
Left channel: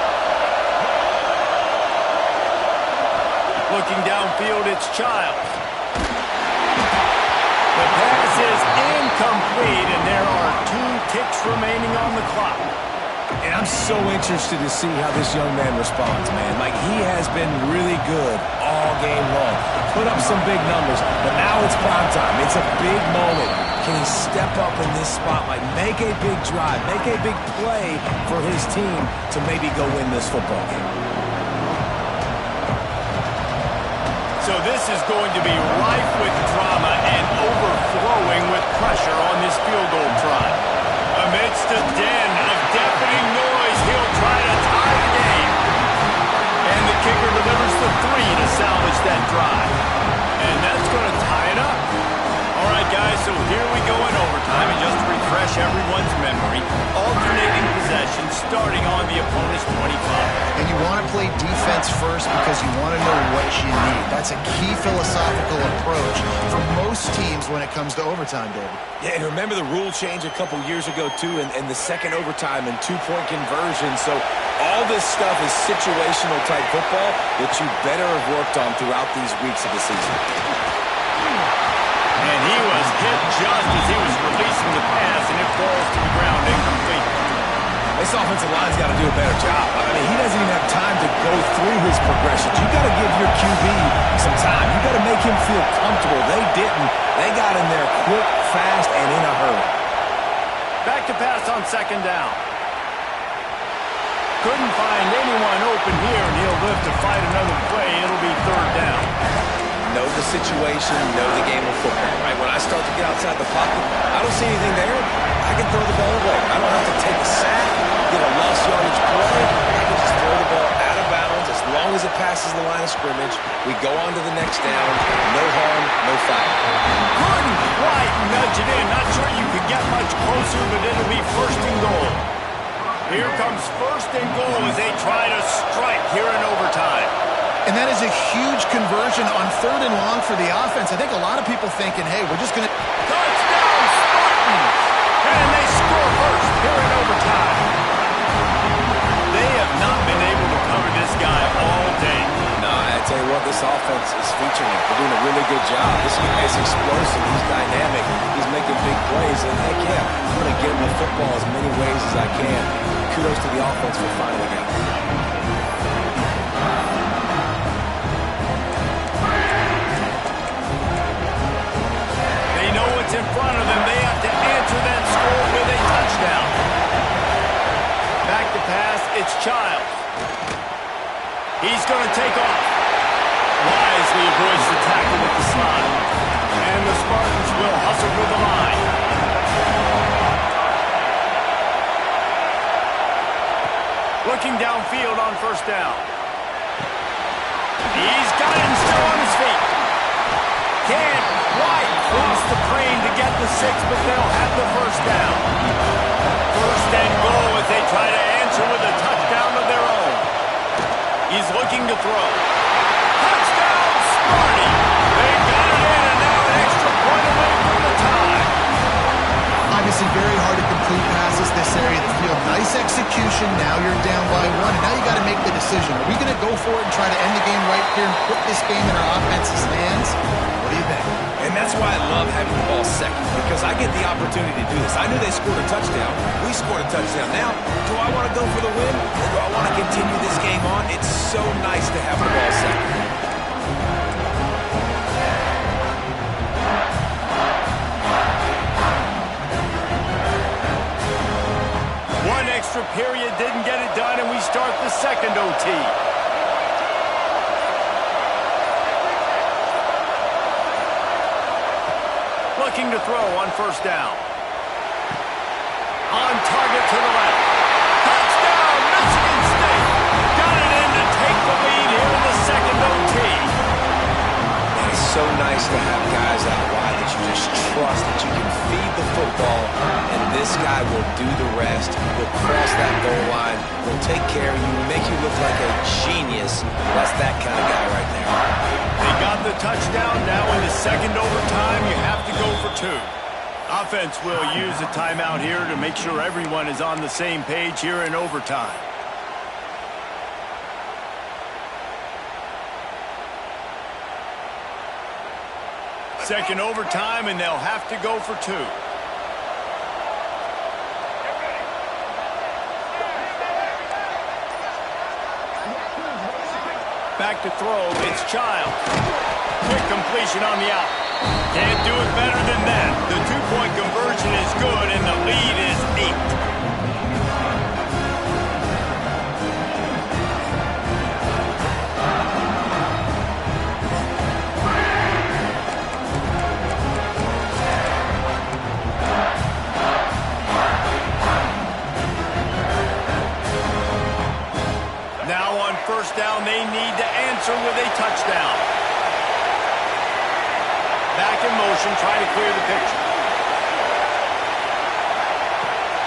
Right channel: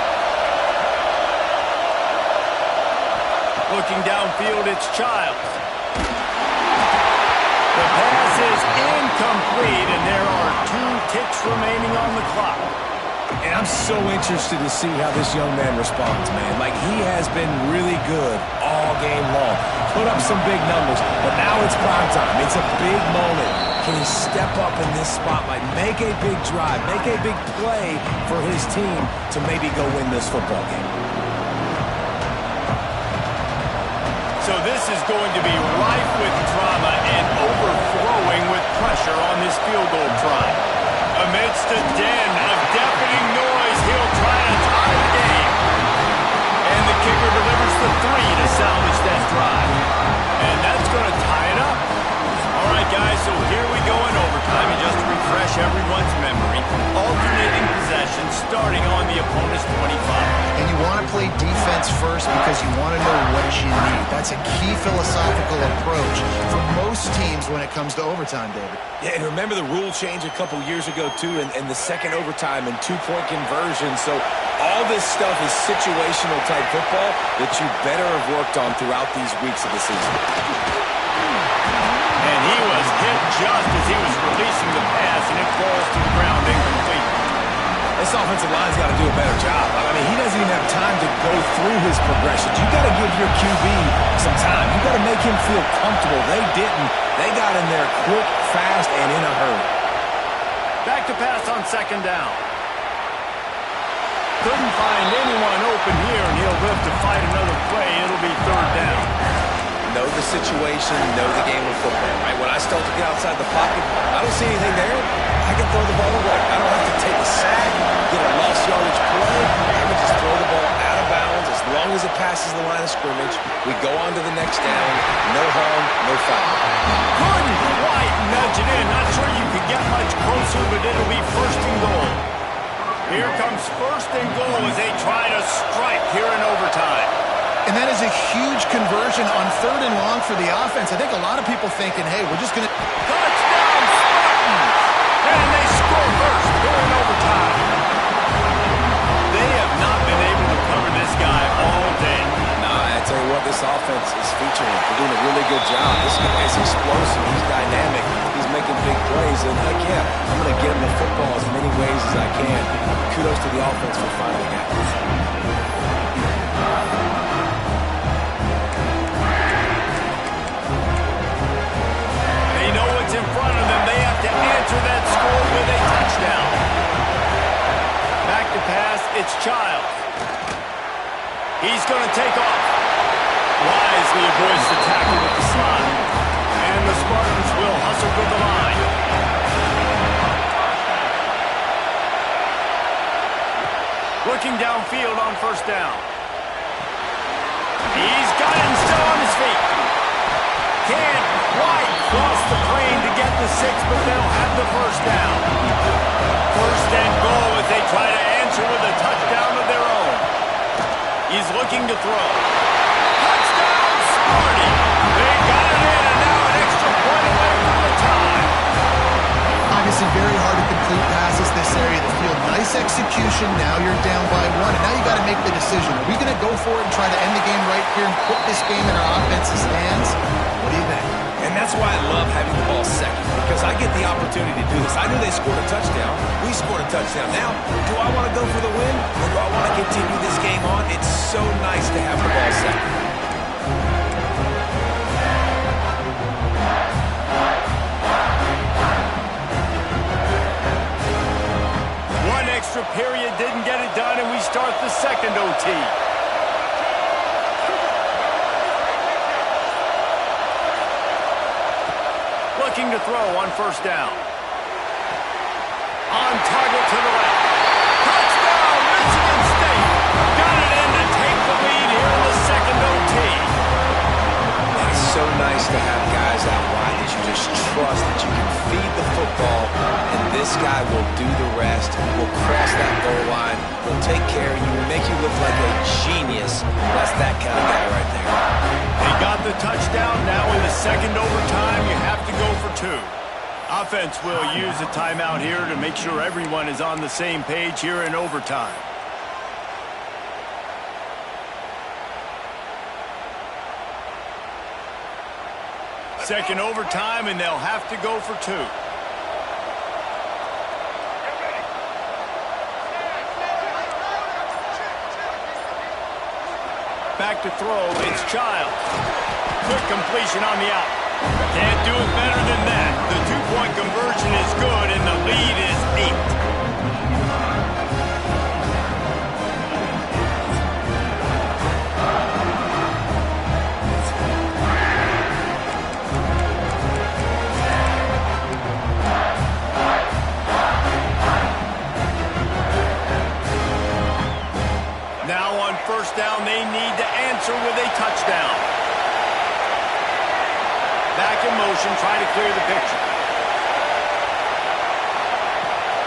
Looking downfield, it's Childs. The pass is incomplete, and there are 2 ticks remaining on the clock. And I'm so interested to see how this young man responds, man. Like, he has been really good all game long. Put up some big numbers, but now it's prime time. It's a big moment. Can he step up in this spotlight, make a big drive, make a big play for his team to maybe go win this football game? So this is going to be rife with drama and overflowing with pressure on this field goal try. Amidst a den of deafening noise, he'll try to tie the game. And the kicker delivers the 3 to salvage that drive. And that's going to tie it up. All right, guys, so here we go in overtime. And just to refresh everyone's memory, alternating possession starting on the opponent's 25. And you want to play defense first because you want to know what you need. That's a key philosophical approach for most teams when it comes to overtime, David. Yeah, and remember the rule change a couple years ago, too, and the second overtime and 2-point conversion. So all this stuff is situational type football that you better have worked on throughout these weeks of the season. And he was hit just as he was releasing the pass, and it falls to the ground incomplete. This offensive line's got to do a better job. I mean, he doesn't even have time to go through his progressions. You got to give your QB some time. You got to make him feel comfortable. They didn't. They got in there quick, fast, and in a hurry. Back to pass on second down. Couldn't find anyone open here, and he'll live to fight another play. It'll be third down. Know the situation, know the game of football, right? When I start to get outside the pocket, I don't see anything there, I can throw the ball away. I don't have to take a sack, get a lost yardage play. I can just throw the ball out of bounds. As long as it passes the line of scrimmage, we go on to the next down. No harm, no foul. Couldn't quite nudge it in. Not sure you could get much closer, but it'll be first and goal. Here comes first and goal as they try to strike here in overtime. And that is a huge conversion on third and long for the offense. I think a lot of people thinking, hey, we're just going to... Touchdown, Spartans! And they score first here in overtime. They have not been able to cover this guy all day. No, I tell you what, this offense is featuring him. They're doing a really good job. This guy is explosive. He's dynamic. He's making big plays. And heck yeah, I'm going to get him the football as many ways as I can. Kudos to the offense for finally getting it. In front of them, they have to answer that score with a touchdown. Back to pass, it's Childs. He's going to take off. Wisely avoids the tackle with the slide. And the Spartans will hustle for the line. Looking downfield on first down. He's got it and still on his feet. Can't quite cross the plane to get the 6, but they'll have the first down. First and goal as they try to answer with a touchdown of their own. He's looking to throw. Touchdown, Sparty! They got it in, and now an extra point away from the tie. Obviously very hard to complete passes this area of the field. Nice execution. Now you're down by 1, and now you got to make the decision. Are we going to go for it and try to end the game right here and put this game in our offense's hands? What do you think? And that's why I love having the ball second, because I get the opportunity to do this. I knew they scored a touchdown. We scored a touchdown. Now, do I want to go for the win, or do I want to continue this game on? It's so nice to have the ball second. One extra period didn't get it done, and we start the second OT. Looking to throw on first down. On target to the left. Touchdown, Michigan State. Got it in to take the lead here in the second OT. so nice to have guys out wide that you just trust, that you can feed the football, and this guy will do the rest, will cross that goal line, will take care of you, make you look like a genius. That's that kind of guy right there. They got the touchdown. Now in the second overtime, you have to go for 2. Offense will use a timeout here to make sure everyone is on the same page here in overtime. Second overtime, and they'll have to go for 2. Back to throw, it's Childs. Quick completion on the out. Can't do it better than that. The 2-point conversion is good, and the lead is 8. Now on first down, they need to answer with a touchdown. Back in motion, try to clear the picture.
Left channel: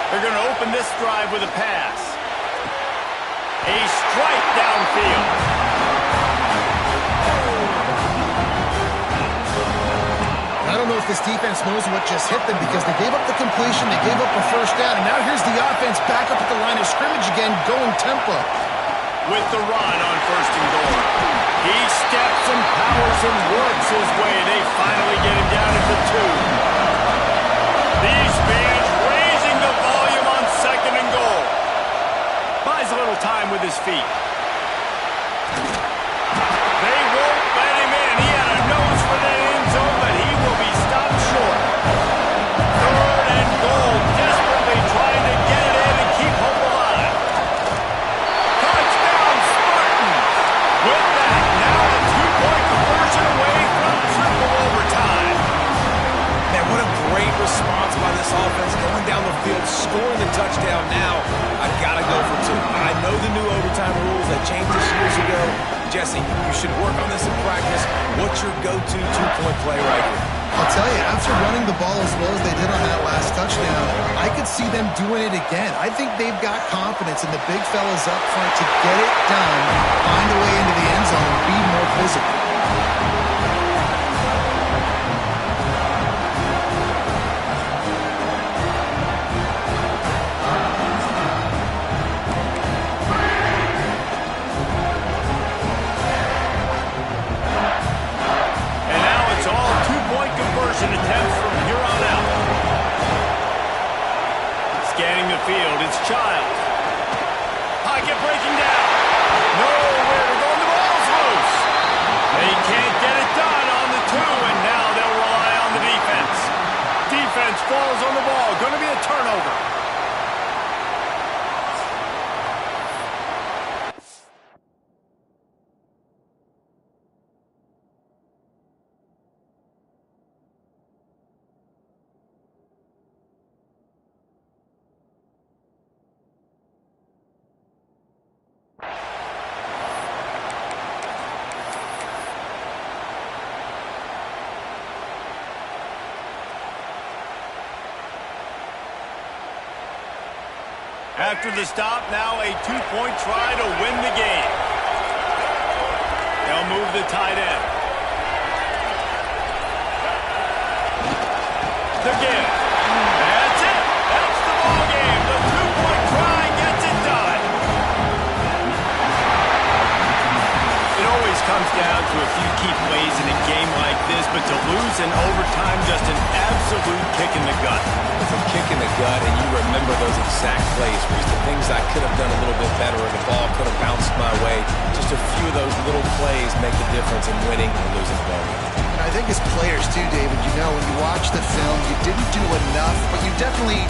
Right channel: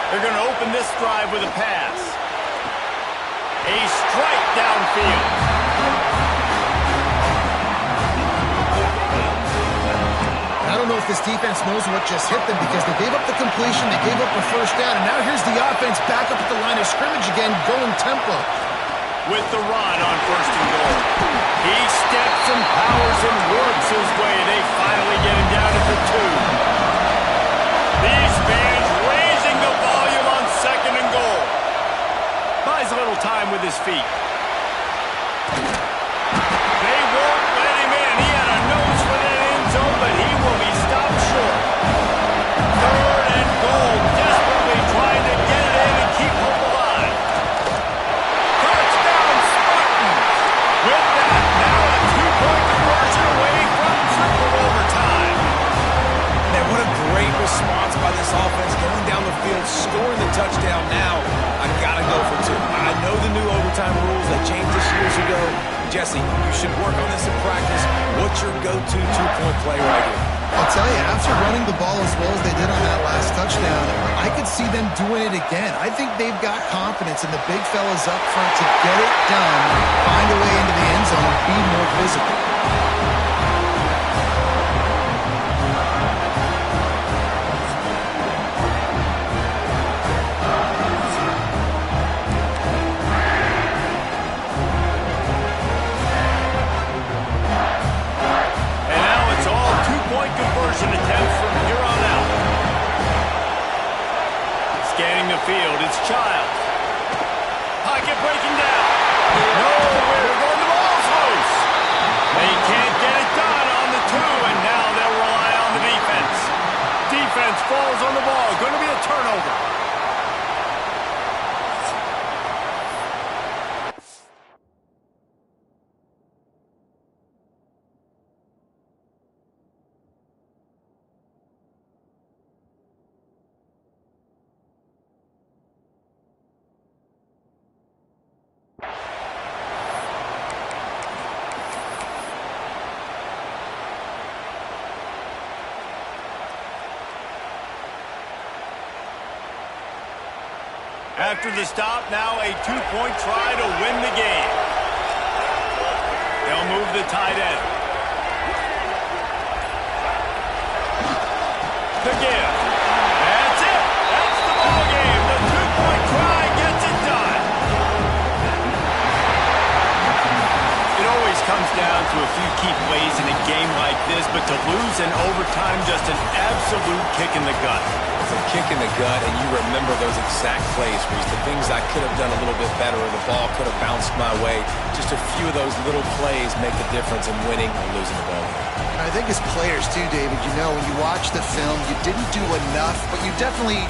They're going to open this drive with a pass. A strike downfield. I don't know if this defense knows what just hit them because they gave up the completion, they gave up a first down, and now here's the offense back up at the line of scrimmage again, going tempo. With the run on first and goal. He steps and powers and works his way. They finally get him down at the 2. These fans raising the volume on second and goal. Buys a little time with his feet. They won't let him in. He had a nose for that end zone, but he will be stopped short. Third and goal. Desperately trying to get it in and keep hope alive. With that, now a 2-point conversion away from triple overtime. Man, what a great response by this offense, going down the field, scoring the touchdown. Now, I got to go for 2. I know the new overtime rules, they changed this years ago. Jesse, you should work on this in practice. What's your go-to 2-point play right here? I'll tell you, after running the ball as well as they did on that last touchdown, I could see them doing it again. I think they've got confidence in the big fellas up front to get it done, find a way into the end zone, and be more physical. Conversion attempts from here on out. Scanning the field, it's Childs. Pocket breaking down. Nowhere to go, and the ball's loose. They can't get it done on the 2, and now they'll rely on the defense. Defense falls on the ball. Going to be a turnover. After the stop, now a 2-point try to win the game. They'll move the tight end. The give. That's it. That's the ball game. The 2-point try gets it done. It always comes down to a few key plays in a game like this, but to lose in overtime, just an absolute kick in the gut. It's a kick in the gut, and you remember those exact plays, Reese. The things I could have done a little bit better, or the ball could have bounced my way. Just a few of those little plays make the difference in winning or losing the ball game. I think as players too, David, you know, when you watch the film, you didn't do enough, but you definitely